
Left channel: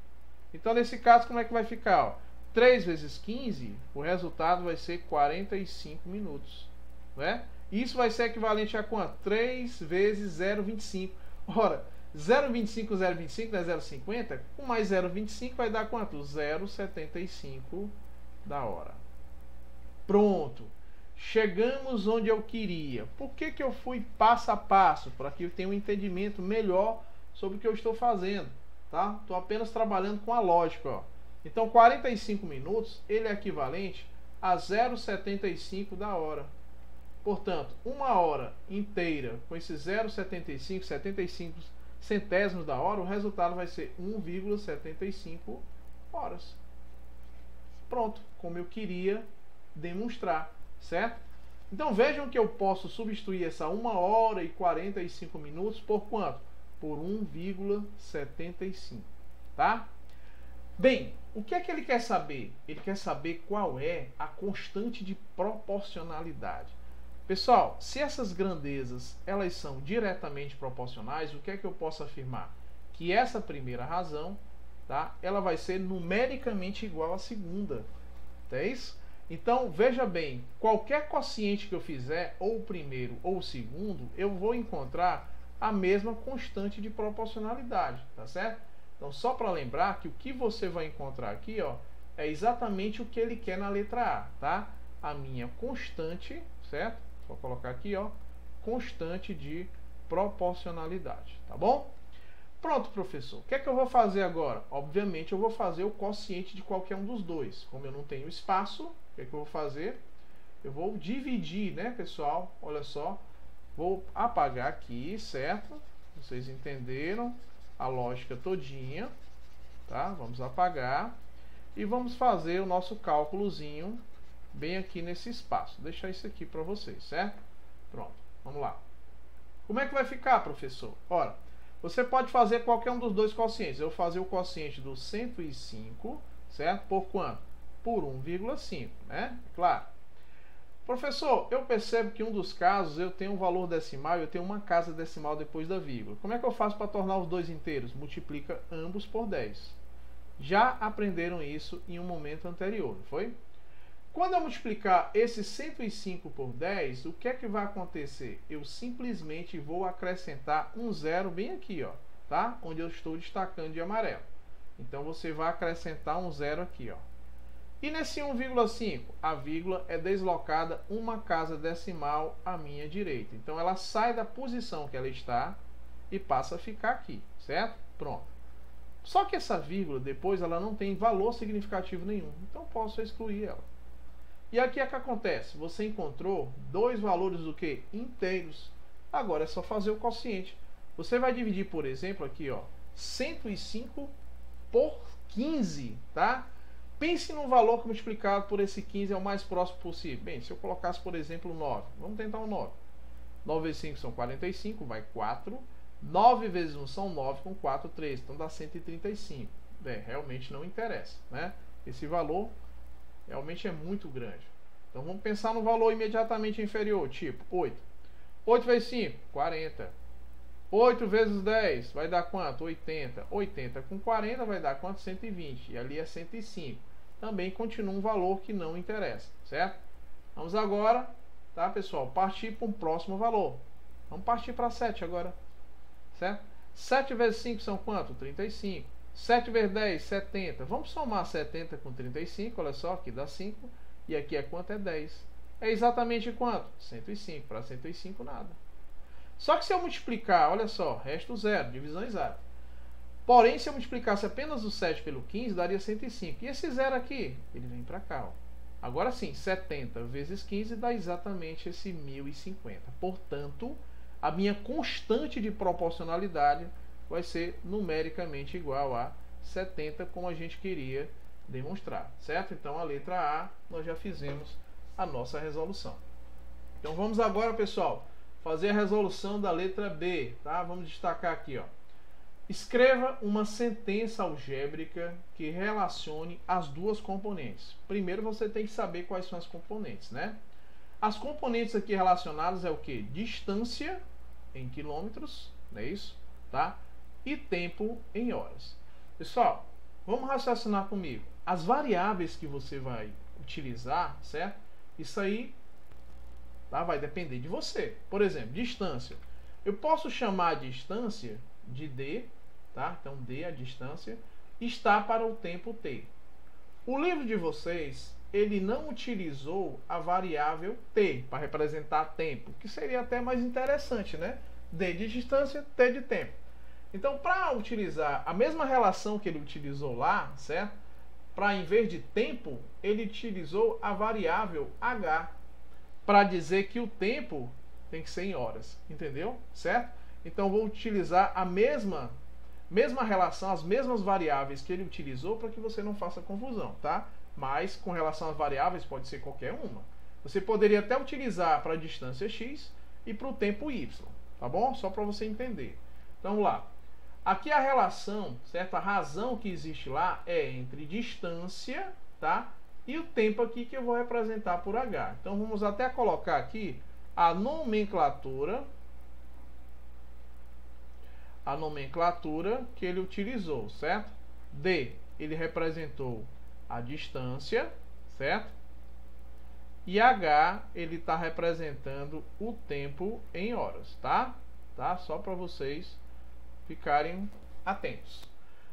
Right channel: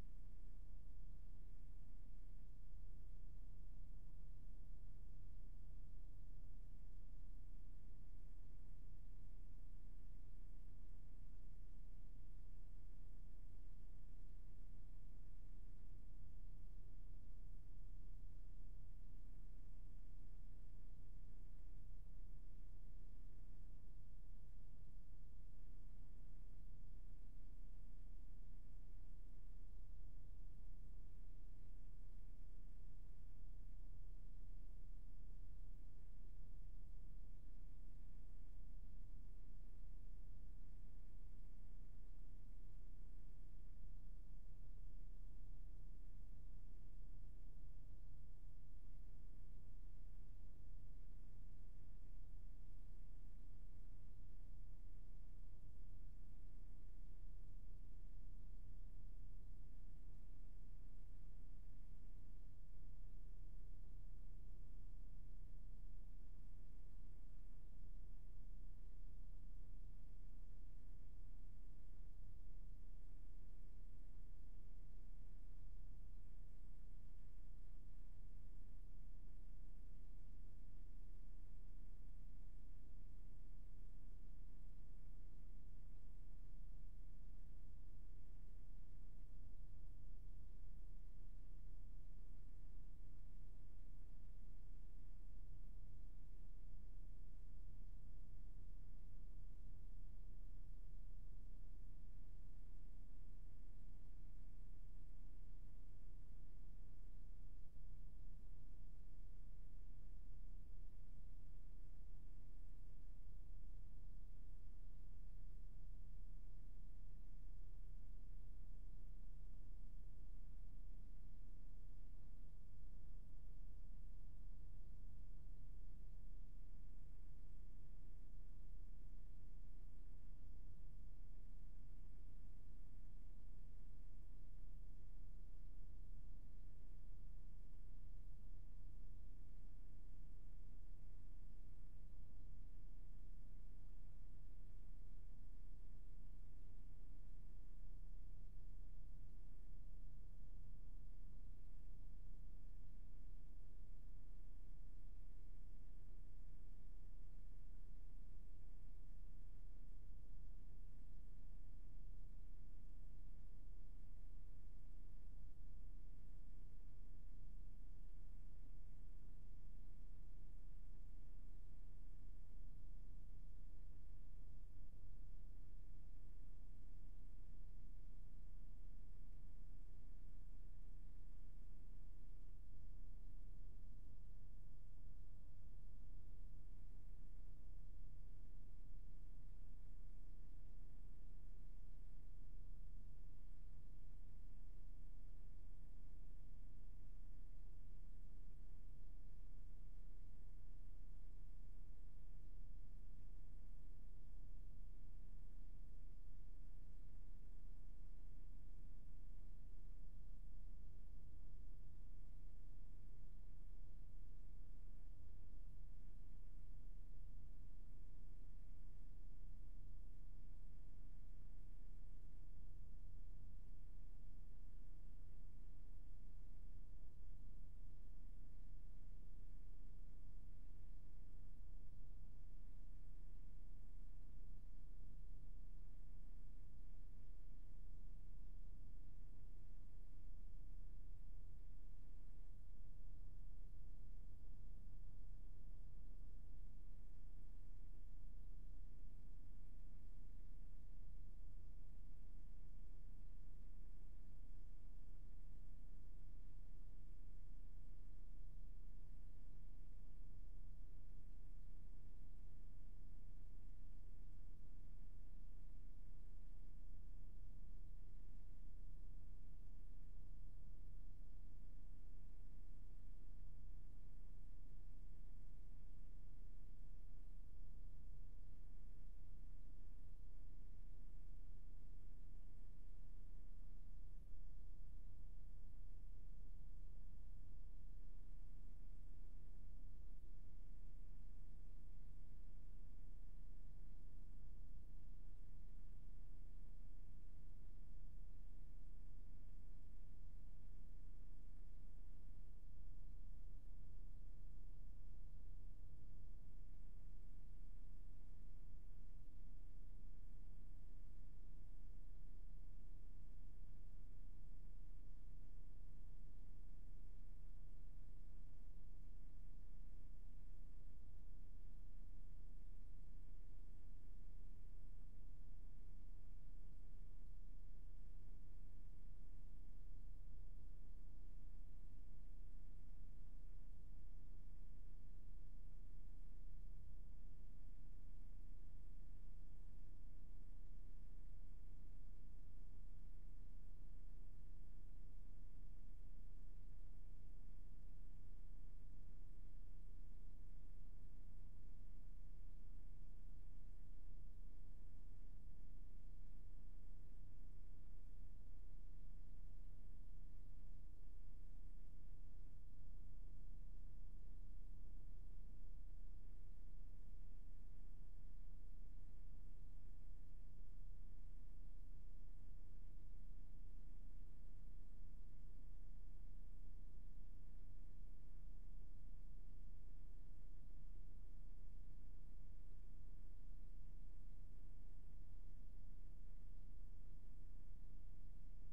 Então nesse caso, como é que vai ficar? Ó? 3 vezes 15, o resultado vai ser 45 minutos. Não é? Isso vai ser equivalente a quanto? 3 vezes 0,25. Ora, 0,25, 0,25 não é 0,50? Com mais 0,25 vai dar quanto? 0,75 da hora. Pronto. Chegamos onde eu queria. Por que eu fui passo a passo? Para que eu tenha um entendimento melhor sobre o que eu estou fazendo. Tá? Estou apenas trabalhando com a lógica. Ó. Então, 45 minutos, ele é equivalente a 0,75 da hora. Portanto, uma hora inteira com esse 0,75, 75 centésimos da hora, o resultado vai ser 1,75 horas. Pronto, como eu queria demonstrar, certo? Então vejam que eu posso substituir essa 1 hora e 45 minutos por quanto? Por 1,75, tá? Bem, o que é que ele quer saber? Ele quer saber qual é a constante de proporcionalidade. Pessoal, se essas grandezas elas são diretamente proporcionais, o que é que eu posso afirmar? Que essa primeira razão, tá, ela vai ser numericamente igual à segunda. É isso? Então, veja bem, qualquer quociente que eu fizer, ou o primeiro ou o segundo, eu vou encontrar a mesma constante de proporcionalidade, tá certo? Então, só para lembrar que o que você vai encontrar aqui, ó, é exatamente o que ele quer na letra A, tá? A minha constante, certo? Vou colocar aqui, ó, constante de proporcionalidade, tá bom? Pronto, professor. O que é que eu vou fazer agora? Obviamente, eu vou fazer o quociente de qualquer um dos dois. Como eu não tenho espaço, o que é que eu vou fazer? Eu vou dividir, né, pessoal? Olha só. Vou apagar aqui, certo? Vocês entenderam a lógica todinha, tá? Vamos apagar e vamos fazer o nosso cálculozinho bem aqui nesse espaço. Vou deixar isso aqui para vocês, certo? Pronto, vamos lá. Como é que vai ficar, professor? Ora, você pode fazer qualquer um dos dois quocientes. Eu vou fazer o quociente do 105, certo? Por quanto? Por 1,5, né? Claro. Professor, eu percebo que em um dos casos eu tenho um valor decimal e eu tenho uma casa decimal depois da vírgula. Como é que eu faço para tornar os dois inteiros? Multiplica ambos por 10. Já aprenderam isso em um momento anterior, não foi? Quando eu multiplicar esse 105 por 10, o que é que vai acontecer? Eu simplesmente vou acrescentar um zero bem aqui, ó, tá? Onde eu estou destacando de amarelo. Então você vai acrescentar um zero aqui, ó. E nesse 1,5, a vírgula é deslocada uma casa decimal à minha direita. Então ela sai da posição que ela está e passa a ficar aqui, certo? Pronto. Só que essa vírgula depois ela não tem valor significativo nenhum. Então posso excluir ela. E aqui é que acontece, você encontrou dois valores do que? Inteiros. Agora é só fazer o quociente. Você vai dividir, por exemplo, aqui, ó, 105 por 15, tá? Pense num valor que multiplicado por esse 15 é o mais próximo possível. Bem, se eu colocasse, por exemplo, 9. Vamos tentar um 9. 9 vezes 5 são 45, vai 4. 9 vezes 1 são 9, com 4, 13. Então dá 135. Bem, realmente não interessa, né? Esse valor realmente é muito grande. Então vamos pensar no valor imediatamente inferior, tipo 8. 8 vezes 5, 40. 8 vezes 10 vai dar quanto? 80. 80 com 40 vai dar quanto? 120. E ali é 105. Também continua um valor que não interessa, certo? Vamos agora, tá, pessoal, partir para um próximo valor. Vamos partir para 7 agora, certo? 7 vezes 5 são quanto? 35. 7 vezes 10, 70. Vamos somar 70 com 35, olha só, aqui dá 5. E aqui é quanto? É 10. É exatamente quanto? 105. Para 105, nada. Só que se eu multiplicar, olha só, resto zero, divisão exata. Porém, se eu multiplicasse apenas o 7 pelo 15, daria 105. E esse zero aqui, ele vem para cá, ó. Agora sim, 70 vezes 15 dá exatamente esse 1050. Portanto, a minha constante de proporcionalidade vai ser numericamente igual a 70, como a gente queria demonstrar, certo? Então a letra A nós já fizemos a nossa resolução. Então vamos agora, pessoal, fazer a resolução da letra B, tá? Vamos destacar aqui, ó. Escreva uma sentença algébrica que relacione as duas componentes. Primeiro você tem que saber quais são as componentes, né? As componentes aqui relacionadas é o que? Distância em quilômetros, não é isso? Tá? E tempo em horas. Pessoal, vamos raciocinar comigo. As variáveis que você vai utilizar, certo? Isso aí, tá? Vai depender de você. Por exemplo, distância. Eu posso chamar a distância de D, tá? Então D, a distância, está para o tempo T. O livro de vocês, ele não utilizou a variável T para representar tempo, que seria até mais interessante, né? D de distância, T de tempo. Então, para utilizar a mesma relação que ele utilizou lá, certo? Para, em vez de tempo, ele utilizou a variável H, para dizer que o tempo tem que ser em horas, entendeu? Certo? Então, vou utilizar a mesma relação, as mesmas variáveis que ele utilizou para que você não faça confusão, tá? Mas, com relação às variáveis, pode ser qualquer uma. Você poderia até utilizar para a distância x e para o tempo y, tá bom? Só para você entender. Então, vamos lá. Aqui a relação, certo? A razão que existe lá é entre distância, tá? E o tempo aqui que eu vou representar por h. Então, vamos até colocar aqui a nomenclatura que ele utilizou, certo? D, ele representou a distância, certo? E H, ele está representando o tempo em horas, tá? Só para vocês ficarem atentos.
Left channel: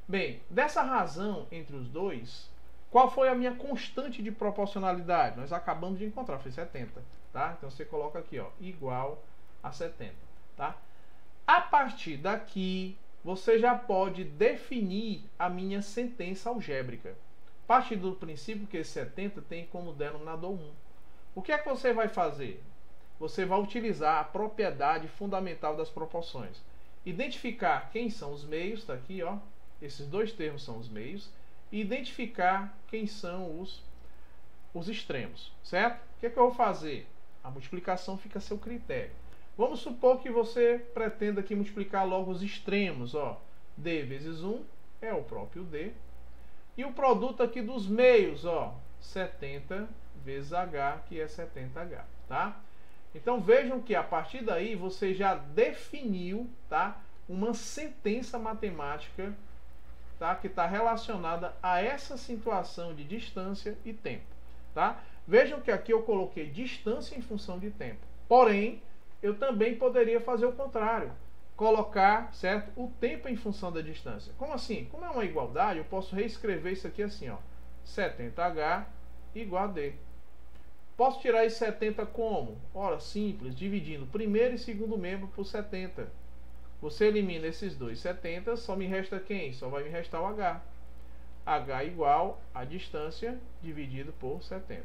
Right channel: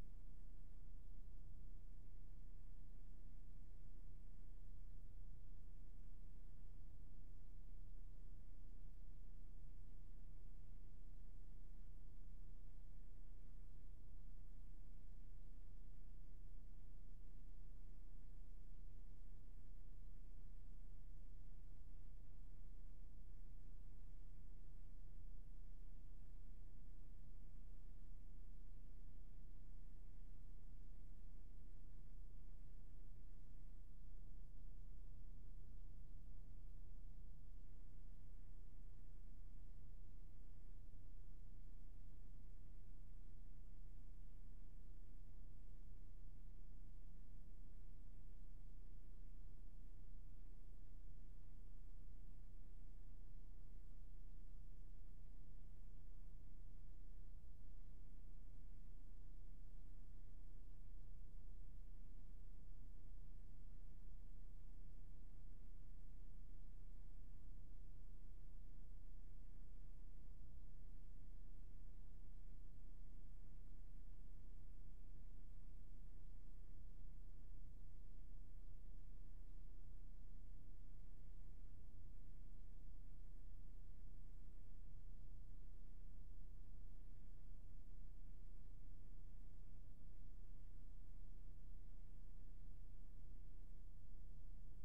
Bem, dessa razão entre os dois, qual foi a minha constante de proporcionalidade? Nós acabamos de encontrar, foi 70, tá? Então você coloca aqui, ó, igual a 70, tá? A partir daqui, você já pode definir a minha sentença algébrica. Partir do princípio que esse 70 tem como denominador 1. O que é que você vai fazer? Você vai utilizar a propriedade fundamental das proporções. Identificar quem são os meios, está aqui, ó. Esses dois termos são os meios. E identificar quem são os extremos, certo? O que é que eu vou fazer? A multiplicação fica a seu critério. Vamos supor que você pretenda aqui multiplicar logo os extremos, ó. D vezes 1 é o próprio D. E o produto aqui dos meios, ó, 70 vezes H, que é 70H, tá? Então vejam que a partir daí você já definiu, tá, uma sentença matemática, tá, que está relacionada a essa situação de distância e tempo, tá? Vejam que aqui eu coloquei distância em função de tempo. Porém, eu também poderia fazer o contrário, colocar, certo, o tempo em função da distância. Como assim? Como é uma igualdade, eu posso reescrever isso aqui assim, ó, 70H igual a D. Posso tirar esse 70 como? Ora, simples, dividindo primeiro e segundo membro por 70. Você elimina esses dois 70, só me resta quem? Só vai me restar o H. H igual a distância dividido por 70.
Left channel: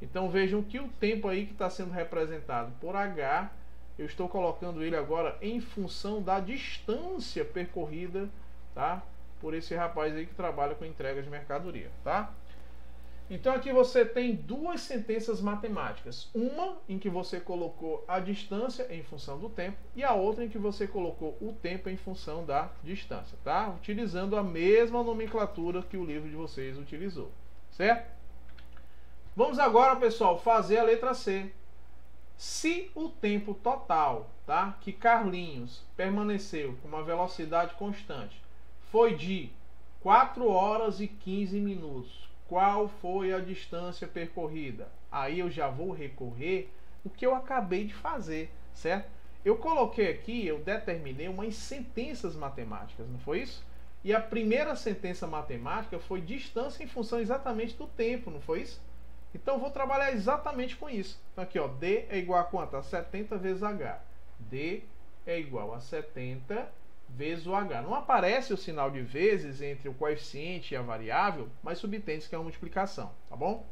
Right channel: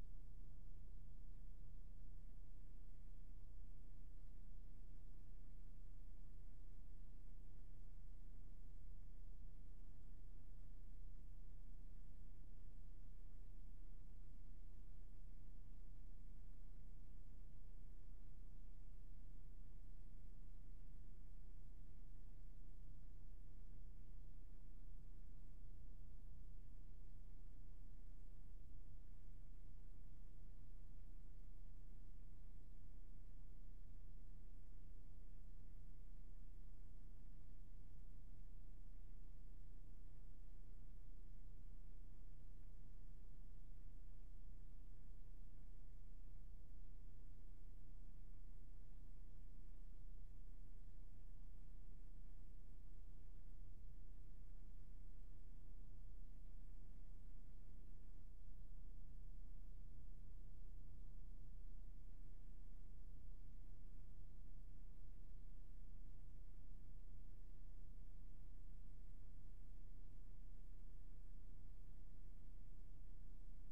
Então vejam que o tempo aí que está sendo representado por H, eu estou colocando ele agora em função da distância percorrida, tá? Por esse rapaz aí que trabalha com entrega de mercadoria, tá? Então aqui você tem duas sentenças matemáticas. Uma em que você colocou a distância em função do tempo e a outra em que você colocou o tempo em função da distância, tá? Utilizando a mesma nomenclatura que o livro de vocês utilizou, certo? Vamos agora, pessoal, fazer a letra C. Se o tempo total, tá, que Carlinhos permaneceu com uma velocidade constante foi de 4 horas e 15 minutos, qual foi a distância percorrida? Aí eu já vou recorrer o que eu acabei de fazer, certo? Eu coloquei aqui, eu determinei umas sentenças matemáticas, não foi isso? E a primeira sentença matemática foi distância em função exatamente do tempo, não foi isso? Então eu vou trabalhar exatamente com isso. Então aqui, ó, D é igual a quanto? A 70 vezes H. D é igual a 70 vezes o H. Não aparece o sinal de vezes entre o coeficiente e a variável, mas subentende que é uma multiplicação, tá bom?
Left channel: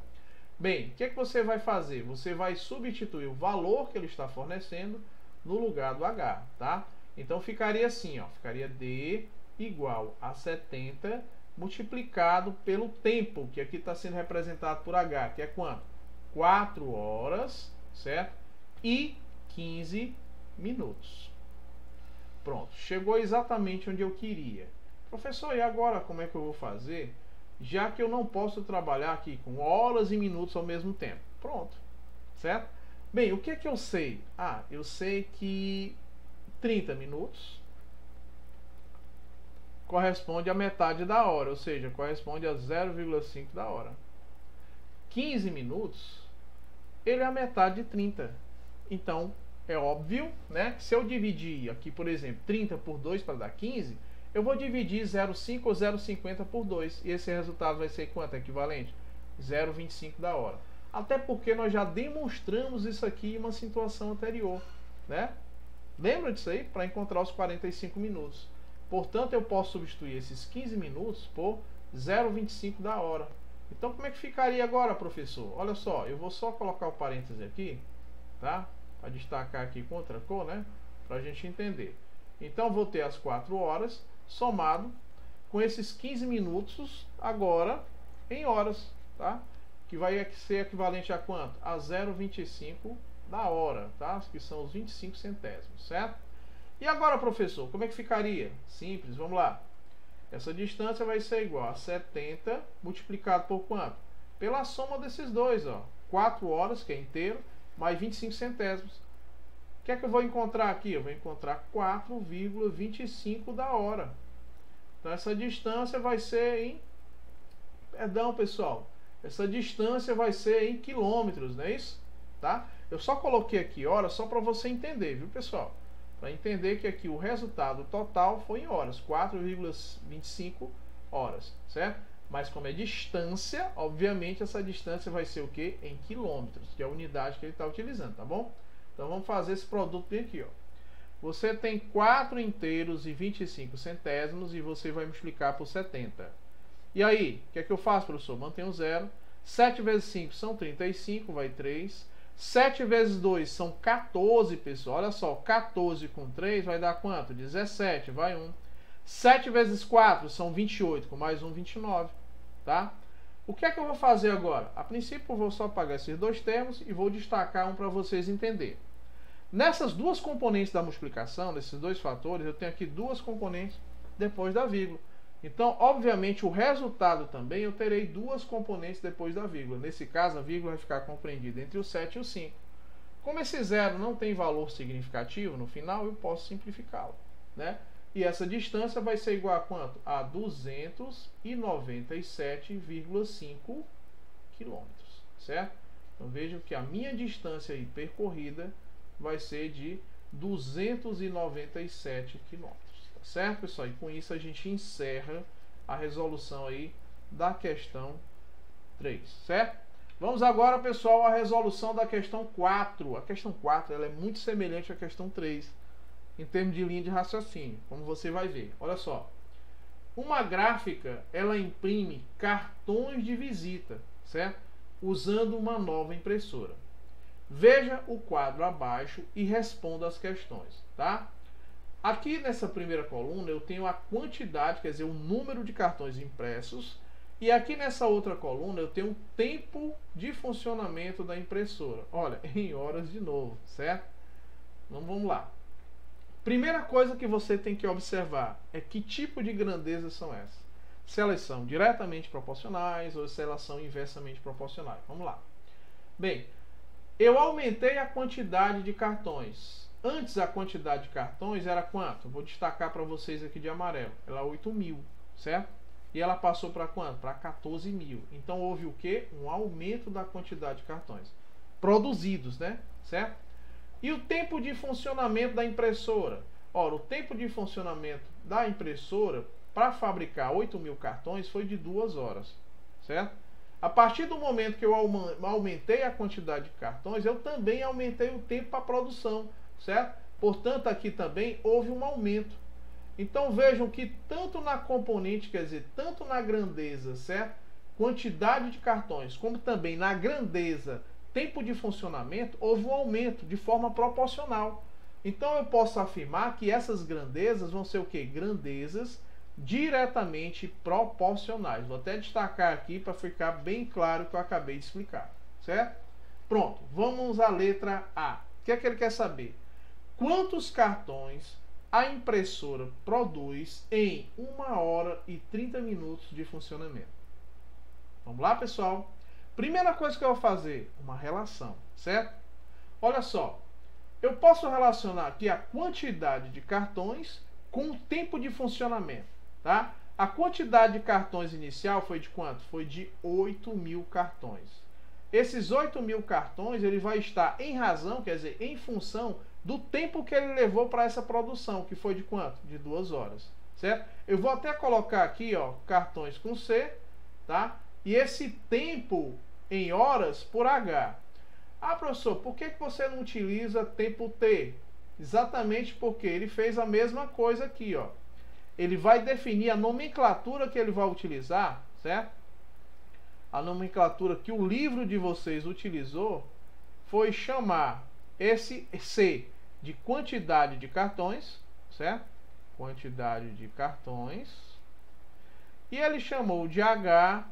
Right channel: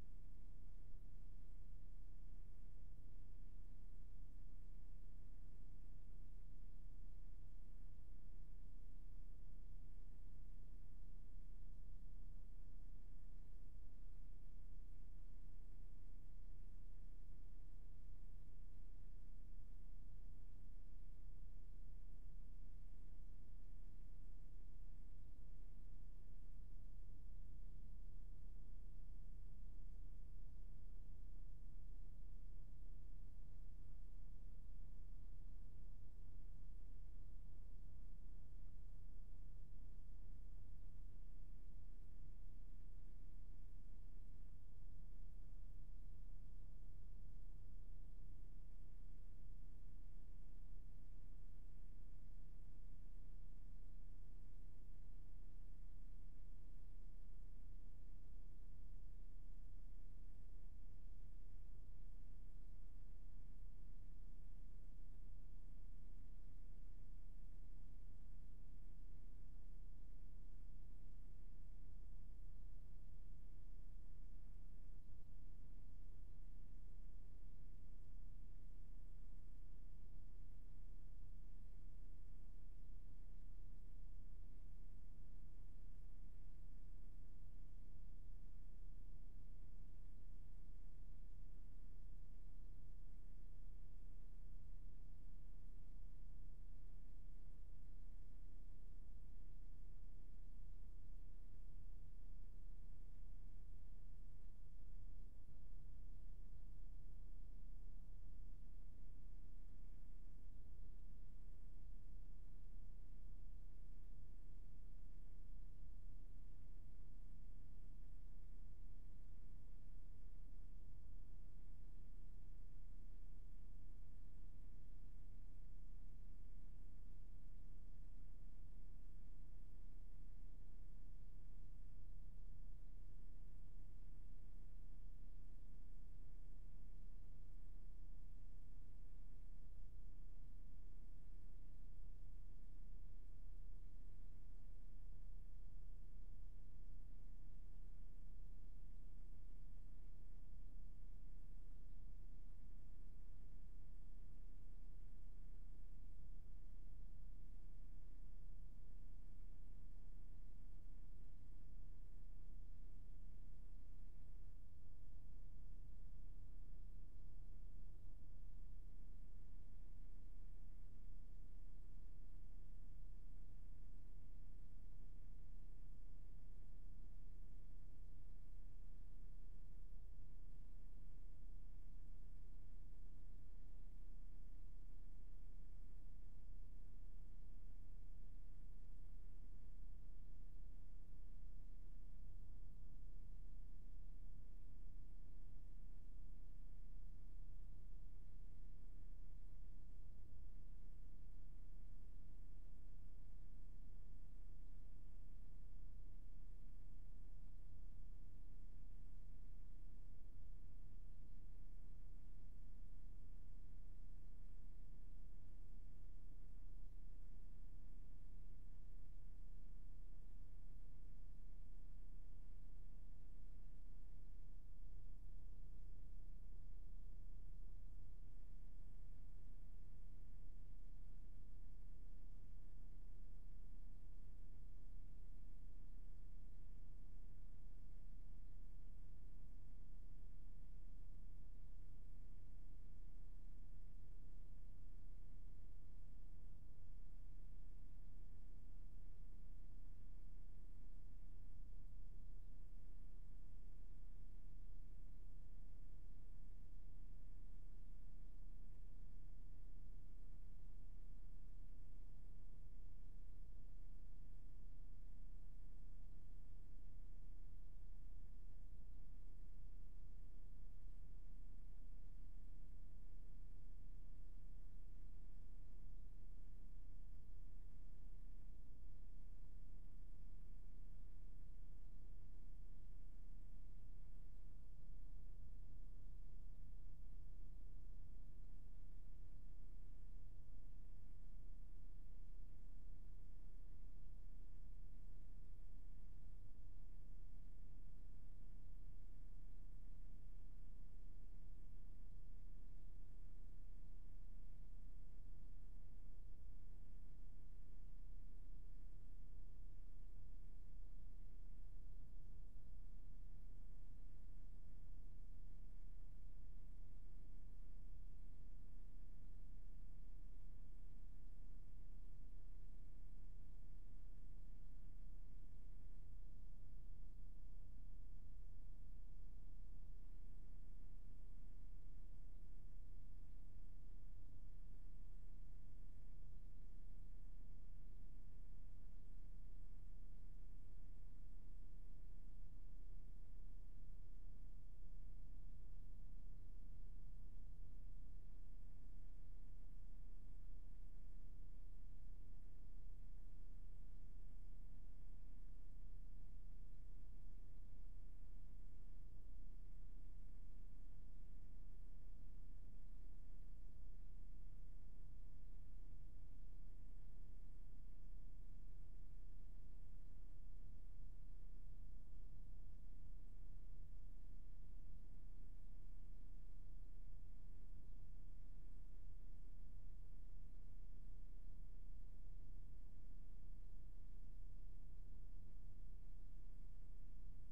Bem, o que é que você vai fazer? Você vai substituir o valor que ele está fornecendo no lugar do H, tá? Então ficaria assim, ó, ficaria D igual a 70 multiplicado pelo tempo, que aqui está sendo representado por H, que é quanto? 4 horas, certo? E 15 minutos. Pronto, chegou exatamente onde eu queria. Professor, e agora como é que eu vou fazer? Já que eu não posso trabalhar aqui com horas e minutos ao mesmo tempo. Pronto, certo? Bem, o que é que eu sei? Ah, eu sei que 30 minutos corresponde à metade da hora, ou seja, corresponde a 0,5 da hora. 15 minutos, ele é a metade de 30. Então, é óbvio, né? Se eu dividir aqui, por exemplo, 30 por 2 para dar 15, eu vou dividir 0,5 ou 0,50 por 2. E esse resultado vai ser quanto? Equivalente? 0,25 da hora. Até porque nós já demonstramos isso aqui em uma situação anterior, né? Lembra disso aí? Para encontrar os 45 minutos. Portanto, eu posso substituir esses 15 minutos por 0,25 da hora. Então, como é que ficaria agora, professor? Olha só, eu vou só colocar o parêntese aqui, tá? Para destacar aqui com outra cor, né? Para a gente entender. Então, vou ter as 4 horas somado com esses 15 minutos agora em horas, tá? Que vai ser equivalente a quanto? A 0,25 da hora, tá? Que são os 25 centésimos, certo? E agora, professor, como é que ficaria? Simples, vamos lá. Essa distância vai ser igual a 70 multiplicado por quanto? Pela soma desses dois, ó. 4 horas, que é inteiro, mais 25 centésimos. O que é que eu vou encontrar aqui? Eu vou encontrar 4,25 da hora. Então, essa distância vai ser em... Perdão, pessoal. Essa distância vai ser em quilômetros, não é isso? Tá? Eu só coloquei aqui horas só para você entender, viu, pessoal? Para entender que aqui o resultado total foi em horas, 4,25 horas, certo? Mas como é distância, obviamente essa distância vai ser o quê? Em quilômetros, que é a unidade que ele está utilizando, tá bom? Então vamos fazer esse produto bem aqui, ó. Você tem 4 inteiros e 25 centésimos e você vai multiplicar por 70. E aí, o que é que eu faço, professor? Mantenho zero. 7 vezes 5 são 35, vai 3. 7 vezes 2 são 14, pessoal. Olha só, 14 com 3 vai dar quanto? 17, vai 1. 7 vezes 4 são 28, com mais 1, 29, tá? O que é que eu vou fazer agora? A princípio, eu vou só apagar esses dois termos e vou destacar um para vocês entenderem. Nessas duas componentes da multiplicação, desses dois fatores, eu tenho aqui duas componentes depois da vírgula. Então, obviamente, o resultado também eu terei duas componentes depois da vírgula. Nesse caso, a vírgula vai ficar compreendida entre o 7 e o 5. Como esse zero não tem valor significativo no final, eu posso simplificá-lo, né? E essa distância vai ser igual a quanto? A 297,5 quilômetros, certo? Então, vejam que a minha distância aí percorrida vai ser de 297 quilômetros. Certo, pessoal? E com isso a gente encerra a resolução aí da questão 3, certo? Vamos agora, pessoal, à resolução da questão 4. A questão 4 ela é muito semelhante à questão 3 em termos de linha de raciocínio, como você vai ver. Olha só. Uma gráfica, ela imprime cartões de visita, certo? Usando uma nova impressora. Veja o quadro abaixo e responda as questões, tá? Aqui nessa primeira coluna eu tenho a quantidade, quer dizer, o número de cartões impressos. E aqui nessa outra coluna eu tenho o tempo de funcionamento da impressora. Olha, em horas de novo, certo? Então vamos lá. Primeira coisa que você tem que observar é que tipo de grandezas são essas. Se elas são diretamente proporcionais ou se elas são inversamente proporcionais. Vamos lá. Bem, eu aumentei a quantidade de cartões. Antes a quantidade de cartões era quanto? Eu vou destacar para vocês aqui de amarelo. Ela é 8.000, certo? E ela passou para quanto? Para 14.000. Então houve o quê? Um aumento da quantidade de cartões produzidos, né? Certo? E o tempo de funcionamento da impressora? Ora, o tempo de funcionamento da impressora para fabricar 8.000 cartões foi de 2 horas, certo? A partir do momento que eu aumentei a quantidade de cartões, eu também aumentei o tempo para produção, certo? Portanto, aqui também houve um aumento. Então vejam que tanto na componente, quer dizer, tanto na grandeza, certo? Quantidade de cartões, como também na grandeza, tempo de funcionamento, houve um aumento de forma proporcional. Então eu posso afirmar que essas grandezas vão ser o quê? Grandezas diretamente proporcionais. Vou até destacar aqui para ficar bem claro o que eu acabei de explicar, certo? Pronto, vamos à letra A. O que é que ele quer saber? Quantos cartões a impressora produz em 1 hora e 30 minutos de funcionamento? Vamos lá, pessoal? Primeira coisa que eu vou fazer, uma relação, certo? olha só, eu posso relacionar aqui a quantidade de cartões com o tempo de funcionamento, tá? A quantidade de cartões inicial foi de quanto? Foi de 8.000 cartões. Esses 8.000 cartões, ele vai estar em razão, quer dizer, em função do tempo que ele levou para essa produção, que foi de quanto? De 2 horas, certo? Eu vou até colocar aqui, ó, cartões com C, tá? E esse tempo em horas por H. Ah, professor, por que você não utiliza tempo T? Exatamente porque ele fez a mesma coisa aqui, ó. Ele vai definir a nomenclatura que ele vai utilizar, certo? A nomenclatura que o livro de vocês utilizou foi chamar esse C de quantidade de cartões, certo? Quantidade de cartões. E ele chamou de H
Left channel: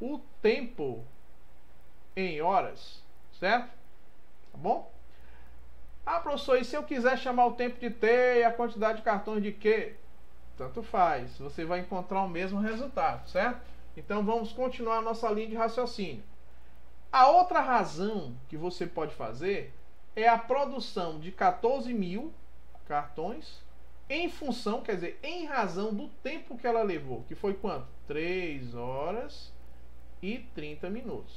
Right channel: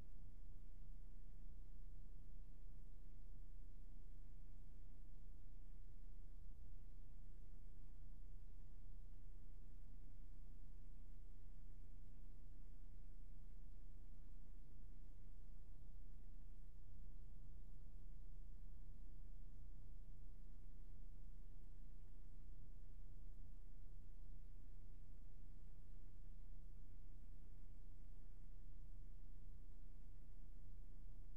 o tempo em horas, certo? Tá bom? Ah, professor, e se eu quiser chamar o tempo de T e a quantidade de cartões de Q? Tanto faz, você vai encontrar o mesmo resultado, certo? Então vamos continuar a nossa linha de raciocínio. A outra razão que você pode fazer é a produção de 14.000 cartões em função, quer dizer, em razão do tempo que ela levou, que foi quanto? 3 horas e 30 minutos.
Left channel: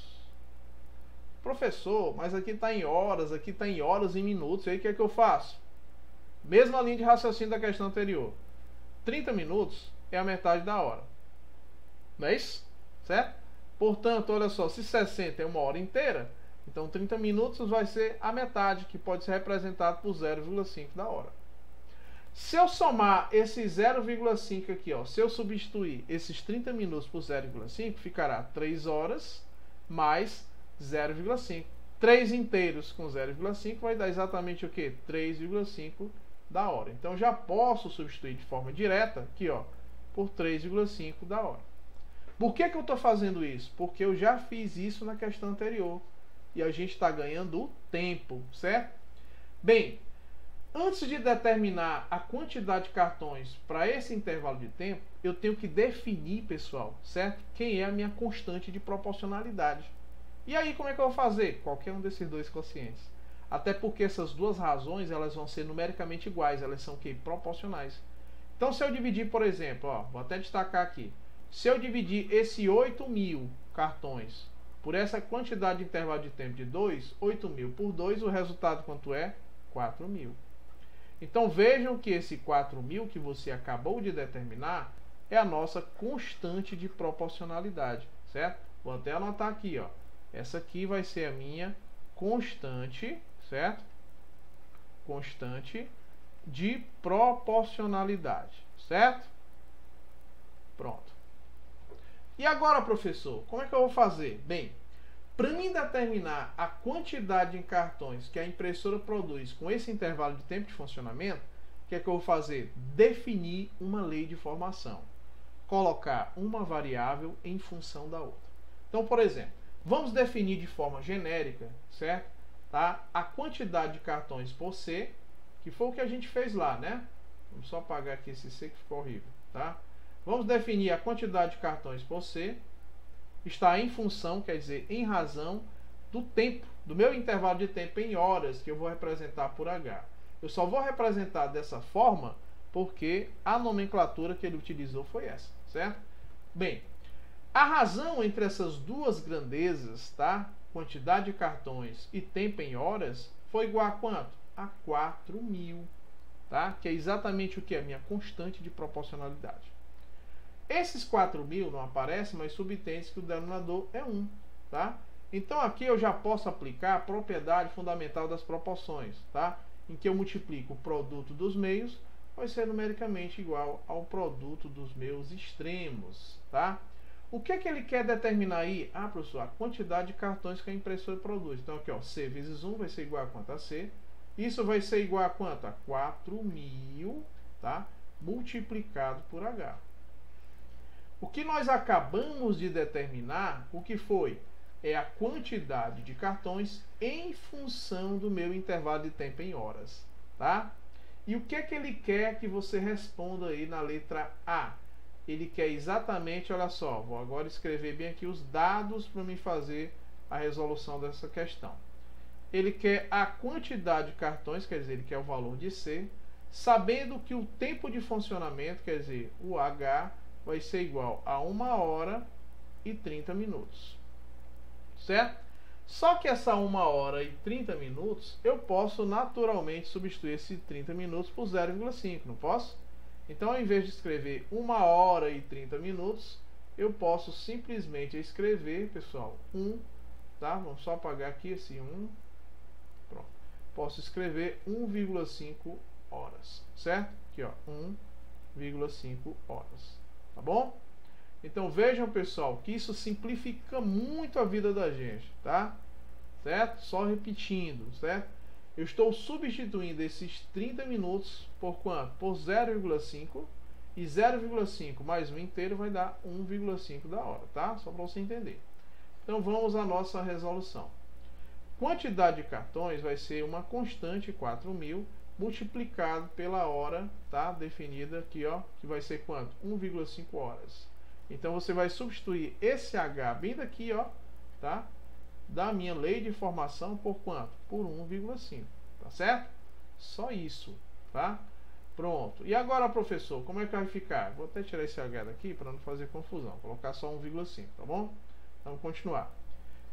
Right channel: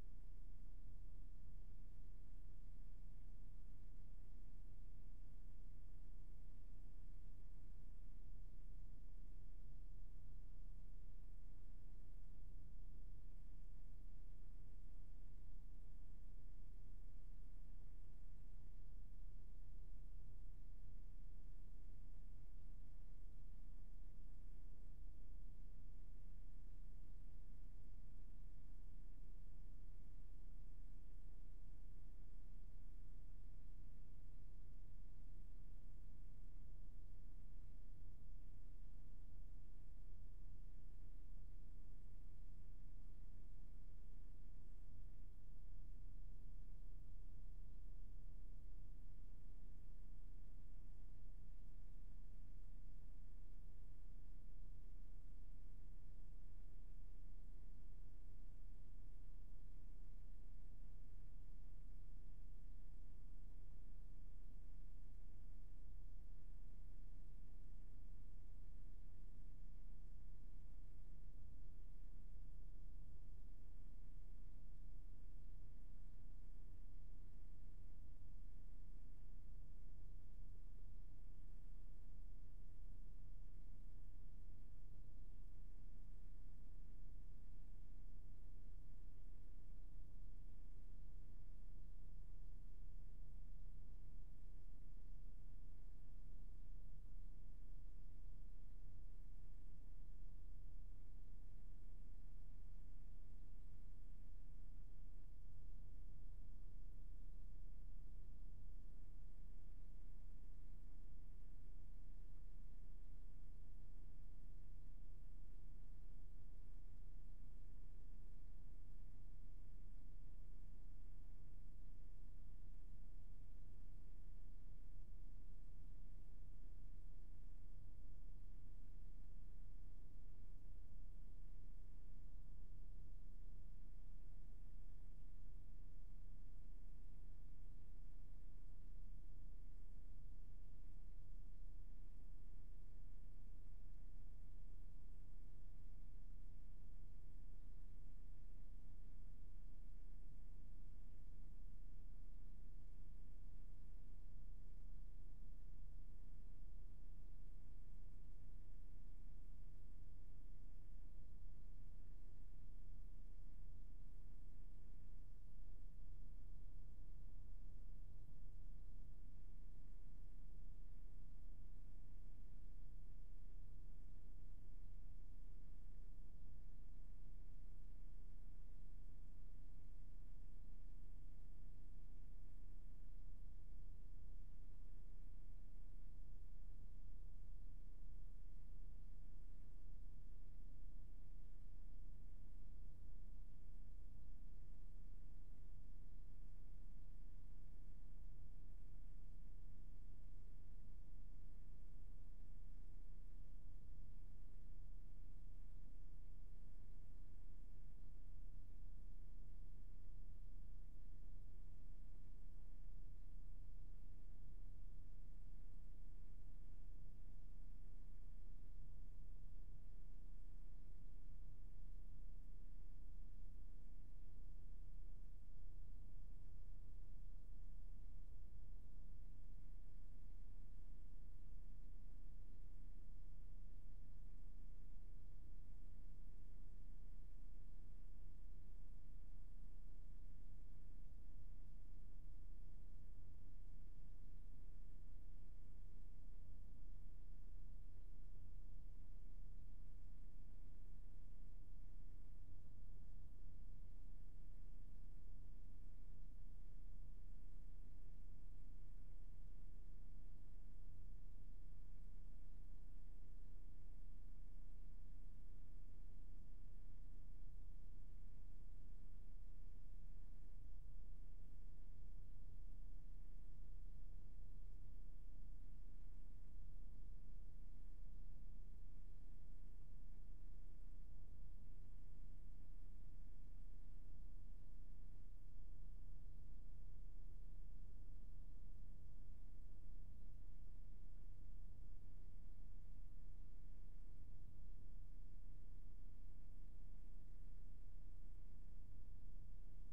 Professor, mas aqui está em horas, aqui está em horas e minutos, e aí o que é que eu faço? Mesma linha de raciocínio da questão anterior. 30 minutos é a metade da hora. Não é isso? Certo? Portanto, olha só, se 60 é uma hora inteira, então 30 minutos vai ser a metade, que pode ser representado por 0,5 da hora. Se eu somar esse 0,5 aqui, ó, se eu substituir esses 30 minutos por 0,5, ficará 3 horas mais 0,5. 3 inteiros com 0,5 vai dar exatamente o que? 3,5 da hora. Então já posso substituir de forma direta aqui, ó, por 3,5 da hora. Por que eu estou fazendo isso? Porque eu já fiz isso na questão anterior. E a gente está ganhando o tempo, certo? Bem, antes de determinar a quantidade de cartões para esse intervalo de tempo, eu tenho que definir, pessoal, certo? Quem é a minha constante de proporcionalidade. E aí, como é que eu vou fazer? Qualquer um desses dois quocientes. Até porque essas duas razões, elas vão ser numericamente iguais, elas são que proporcionais. Então, se eu dividir, por exemplo, ó, vou até destacar aqui. Se eu dividir esse 8.000 cartões por essa quantidade de intervalo de tempo de 2, 8.000 por 2, o resultado quanto é? 4.000. Então vejam que esse 4.000 que você acabou de determinar é a nossa constante de proporcionalidade, certo? Vou até anotar aqui, ó. Essa aqui vai ser a minha constante, certo? Constante de proporcionalidade, certo? Pronto. E agora, professor, como é que eu vou fazer? Bem, para mim determinar a quantidade de cartões que a impressora produz com esse intervalo de tempo de funcionamento, o que é que eu vou fazer? Definir uma lei de formação. Colocar uma variável em função da outra. Então, por exemplo, vamos definir de forma genérica, certo? Tá? A quantidade de cartões por C, que foi o que a gente fez lá, né? Vamos só apagar aqui esse C que ficou horrível, tá? Vamos definir a quantidade de cartões por C. Está em função, quer dizer, em razão do tempo, do meu intervalo de tempo em horas, que eu vou representar por H. Eu só vou representar dessa forma porque a nomenclatura que ele utilizou foi essa, certo? Bem, a razão entre essas duas grandezas, tá? Quantidade de cartões e tempo em horas, foi igual a quanto? A 4.000, tá? Que é exatamente o que? A minha constante de proporcionalidade. Esses 4.000 não aparecem, mas subentende que o denominador é 1, tá? Então aqui eu já posso aplicar a propriedade fundamental das proporções, tá? Em que eu multiplico o produto dos meios, vai ser numericamente igual ao produto dos meus extremos, tá? O que ele quer determinar aí? Ah, professor, a quantidade de cartões que a impressora produz. Então aqui, ó, C vezes 1 vai ser igual a quanto? A C. Isso vai ser igual a quanto? A 4.000, tá? Multiplicado por H. O que nós acabamos de determinar, o que foi? É a quantidade de cartões em função do meu intervalo de tempo em horas, tá? E o que ele quer que você responda aí na letra A? Ele quer exatamente, olha só, vou agora escrever bem aqui os dados para me fazer a resolução dessa questão. ele quer a quantidade de cartões, quer dizer, ele quer o valor de C, sabendo que o tempo de funcionamento, quer dizer, o H, vai ser igual a 1 hora e 30 minutos. Certo? Só que essa 1 hora e 30 minutos, eu posso naturalmente substituir esse 30 minutos por 0,5, não posso? Então, ao invés de escrever 1 hora e 30 minutos, eu posso simplesmente escrever, pessoal, 1, tá? Vamos só apagar aqui esse 1. Pronto. Posso escrever 1,5 horas, certo? Aqui, ó, 1,5 horas, tá bom? Então vejam, pessoal, que isso simplifica muito a vida da gente, tá? Certo? Só repetindo, certo? Eu estou substituindo esses 30 minutos por quanto? Por 0,5, e 0,5 mais 1 inteiro vai dar 1,5 da hora, tá? Só para você entender. Então vamos à nossa resolução. Quantidade de cartões vai ser uma constante 4.000 multiplicado pela hora, tá? Definida aqui, ó, que vai ser quanto? 1,5 horas. Então você vai substituir esse H bem daqui, ó, tá? Da minha lei de formação por quanto? Por 1,5, tá certo? Só isso, tá? Pronto. E agora, professor, como é que vai ficar? Vou até tirar esse H daqui para não fazer confusão. Vou colocar só 1,5, tá bom? Vamos continuar.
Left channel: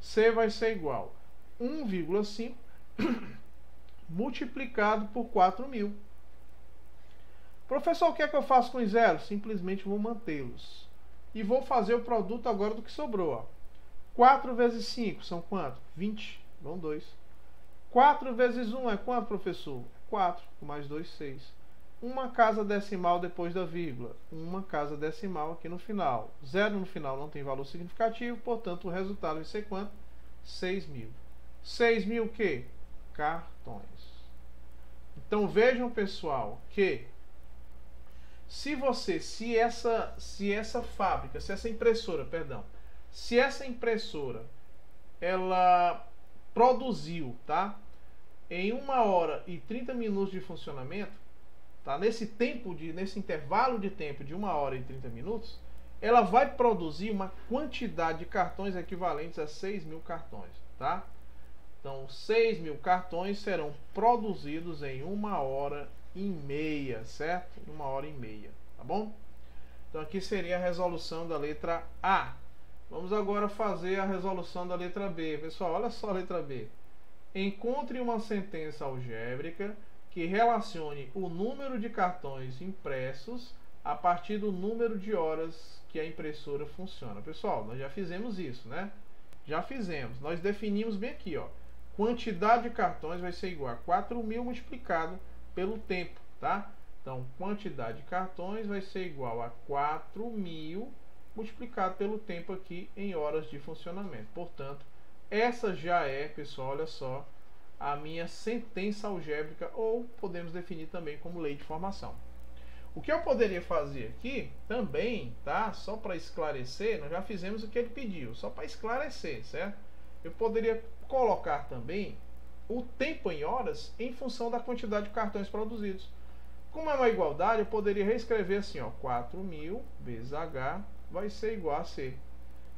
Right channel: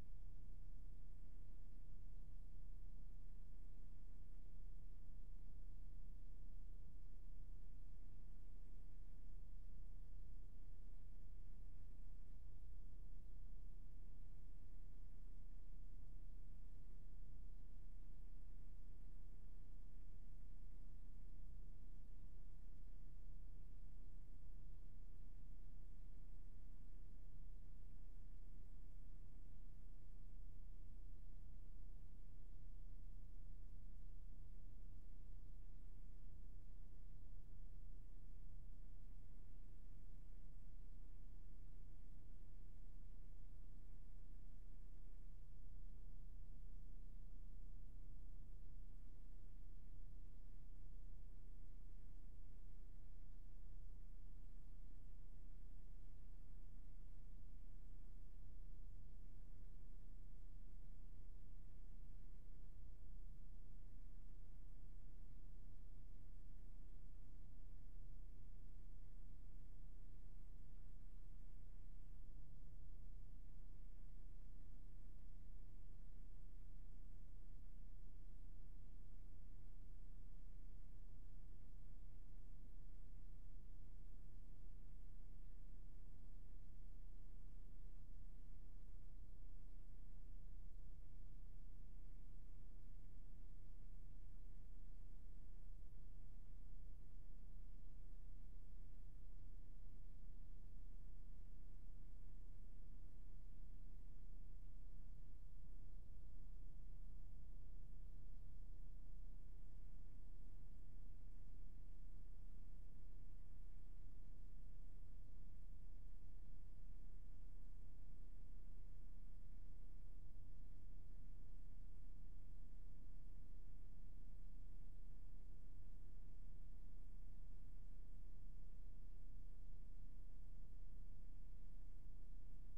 C vai ser igual a 1,5 multiplicado por 4.000. Professor, o que é que eu faço com os zeros? Simplesmente vou mantê-los. E vou fazer o produto agora do que sobrou, ó. 4 vezes 5 são quanto? 20. Vão 2. 4 vezes 1 é quanto, professor? 4. Mais 2, 6. Uma casa decimal depois da vírgula. Uma casa decimal aqui no final. 0 no final não tem valor significativo, portanto o resultado vai ser quanto? 6.000. 6.000 o quê? Cartões. Então vejam, pessoal, que se essa impressora ela produziu, tá? Em 1 hora e 30 minutos de funcionamento, tá? Nesse intervalo de tempo de 1 hora e 30 minutos, ela vai produzir uma quantidade de cartões equivalentes a 6.000 cartões, tá? Então, 6.000 cartões serão produzidos em 1 hora e meia, certo? 1 hora e meia, tá bom? Então, aqui seria a resolução da letra A. Vamos agora fazer a resolução da letra B. Pessoal, olha só a letra B. Encontre uma sentença algébrica que relacione o número de cartões impressos a partir do número de horas que a impressora funciona. Pessoal, nós já fizemos isso, né? Já fizemos. Nós definimos bem aqui, ó. Quantidade de cartões vai ser igual a 4.000 multiplicado pelo tempo, tá? Então, quantidade de cartões vai ser igual a 4.000 multiplicado pelo tempo aqui em horas de funcionamento. Portanto, essa já é, pessoal, olha só, a minha sentença algébrica, ou podemos definir também como lei de formação. O que eu poderia fazer aqui também, tá? Só para esclarecer, nós já fizemos o que ele pediu, só para esclarecer, certo? Eu poderia colocar também o tempo em horas em função da quantidade de cartões produzidos. Como é uma igualdade, eu poderia reescrever assim, ó, 4.000 vezes H vai ser igual a C.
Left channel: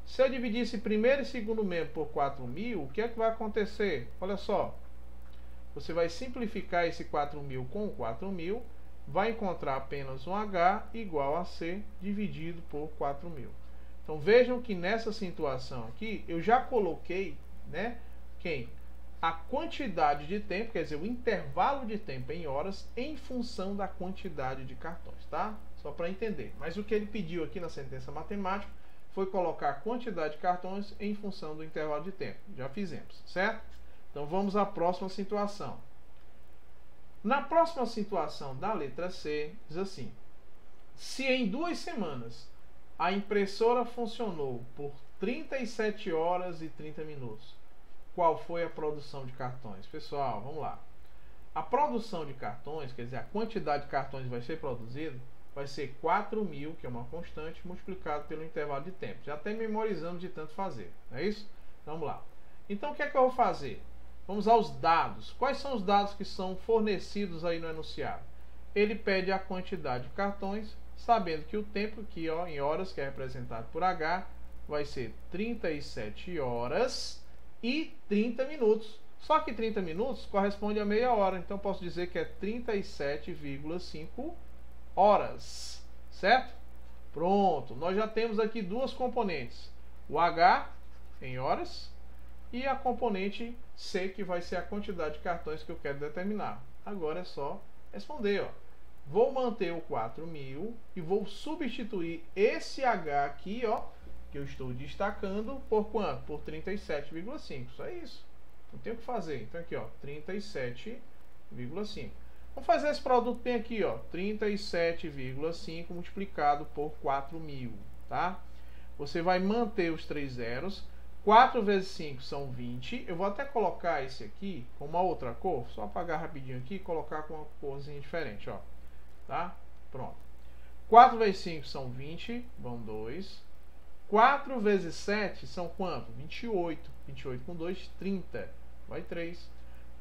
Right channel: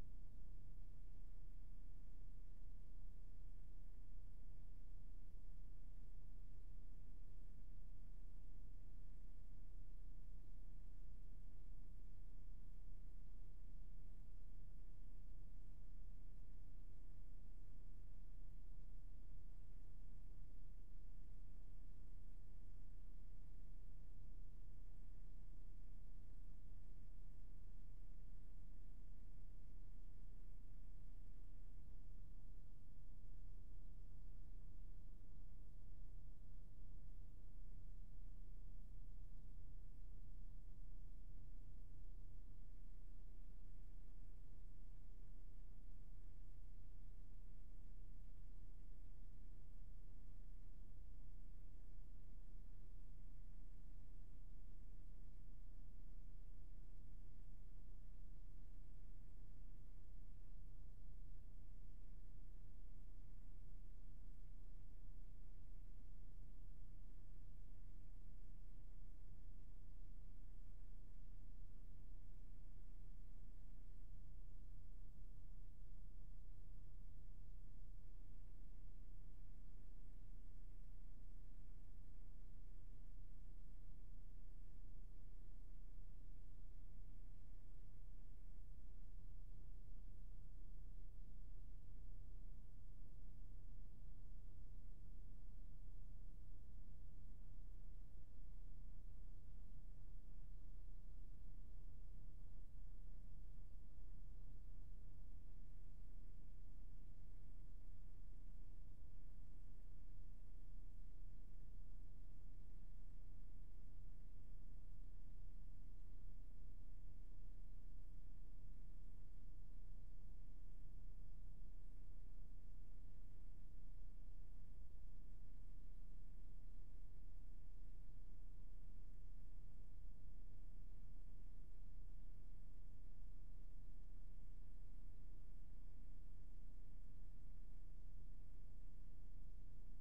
Se eu dividisse primeiro e segundo membro por 4.000, o que é que vai acontecer? Olha só, você vai simplificar esse 4.000 com 4.000, vai encontrar apenas um H igual a C dividido por 4.000. Então vejam que nessa situação aqui, eu já coloquei, né, a quantidade de tempo, quer dizer, o intervalo de tempo em horas em função da quantidade de cartões, tá? Só para entender. Mas o que ele pediu aqui na sentença matemática foi colocar a quantidade de cartões em função do intervalo de tempo. Já fizemos, certo? Então vamos à próxima situação. Na próxima situação da letra C, diz assim: se em 2 semanas a impressora funcionou por 37 horas e 30 minutos, qual foi a produção de cartões? Pessoal, vamos lá. A produção de cartões, quer dizer, a quantidade de cartões que vai ser produzido, vai ser 4.000, que é uma constante, multiplicado pelo intervalo de tempo. Já até memorizamos de tanto fazer, não é isso? Vamos lá. Então, o que é que eu vou fazer? Vamos aos dados. Quais são os dados que são fornecidos aí no enunciado? Ele pede a quantidade de cartões, sabendo que o tempo aqui, ó, em horas, que é representado por H, vai ser 37 horas e 30 minutos. Só que 30 minutos corresponde a meia hora, então posso dizer que é 37,5 horas, certo? Pronto, nós já temos aqui duas componentes, o H em horas e a componente C, que vai ser a quantidade de cartões que eu quero determinar. Agora é só responder, ó. Vou manter o 4.000 e vou substituir esse H aqui, ó, que eu estou destacando, por quanto? Por 37,5. Só isso. Não tem o que fazer. Então aqui, ó, 37,5. Vamos fazer esse produto bem aqui, ó, 37,5 multiplicado por 4.000, tá? Você vai manter os 3 zeros. 4 vezes 5 são 20. Eu vou até colocar esse aqui com uma outra cor. Só apagar rapidinho aqui e colocar com uma corzinha diferente, ó. Tá? Pronto. 4 vezes 5 são 20, vão 2. 4 vezes 7 são quanto? 28. 28 com 2, 30. Vai 3.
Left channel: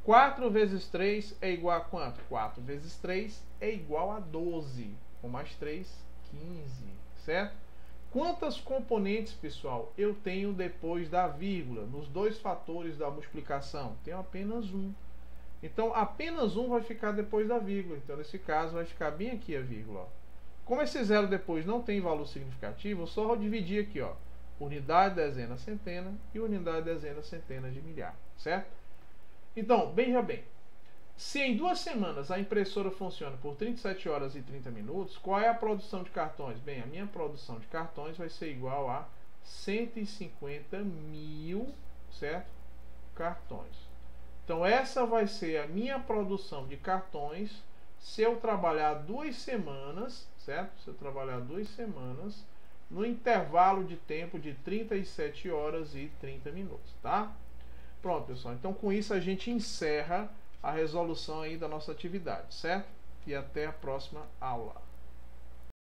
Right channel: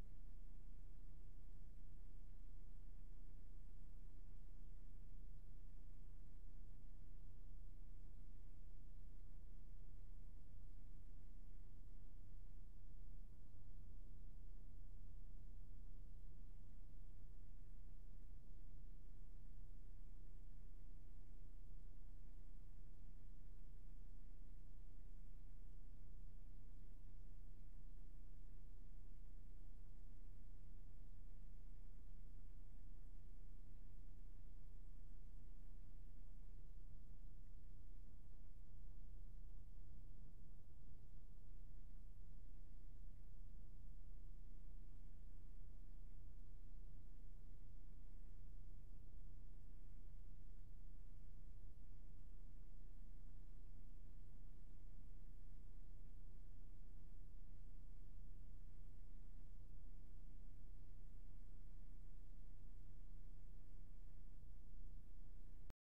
4 vezes 3 é igual a quanto? 4 vezes 3 é igual a 12. Com mais 3, 15. Certo? Quantas componentes, pessoal, eu tenho depois da vírgula? Nos dois fatores da multiplicação? Tenho apenas um. Então, apenas um vai ficar depois da vírgula. Então, nesse caso, vai ficar bem aqui a vírgula. Ó. Como esse zero depois não tem valor significativo, eu só vou dividir aqui, ó, unidade, dezena, centena e unidade, dezena, centena de milhar, certo? Então, veja bem, se em 2 semanas a impressora funciona por 37 horas e 30 minutos, qual é a produção de cartões? Bem, a minha produção de cartões vai ser igual a 150.000, certo? Cartões. Então essa vai ser a minha produção de cartões se eu trabalhar 2 semanas, certo? Se eu trabalhar 2 semanas no intervalo de tempo de 37 horas e 30 minutos, tá? Pronto, pessoal. Então com isso a gente encerra a resolução aí da nossa atividade, certo? E até a próxima aula.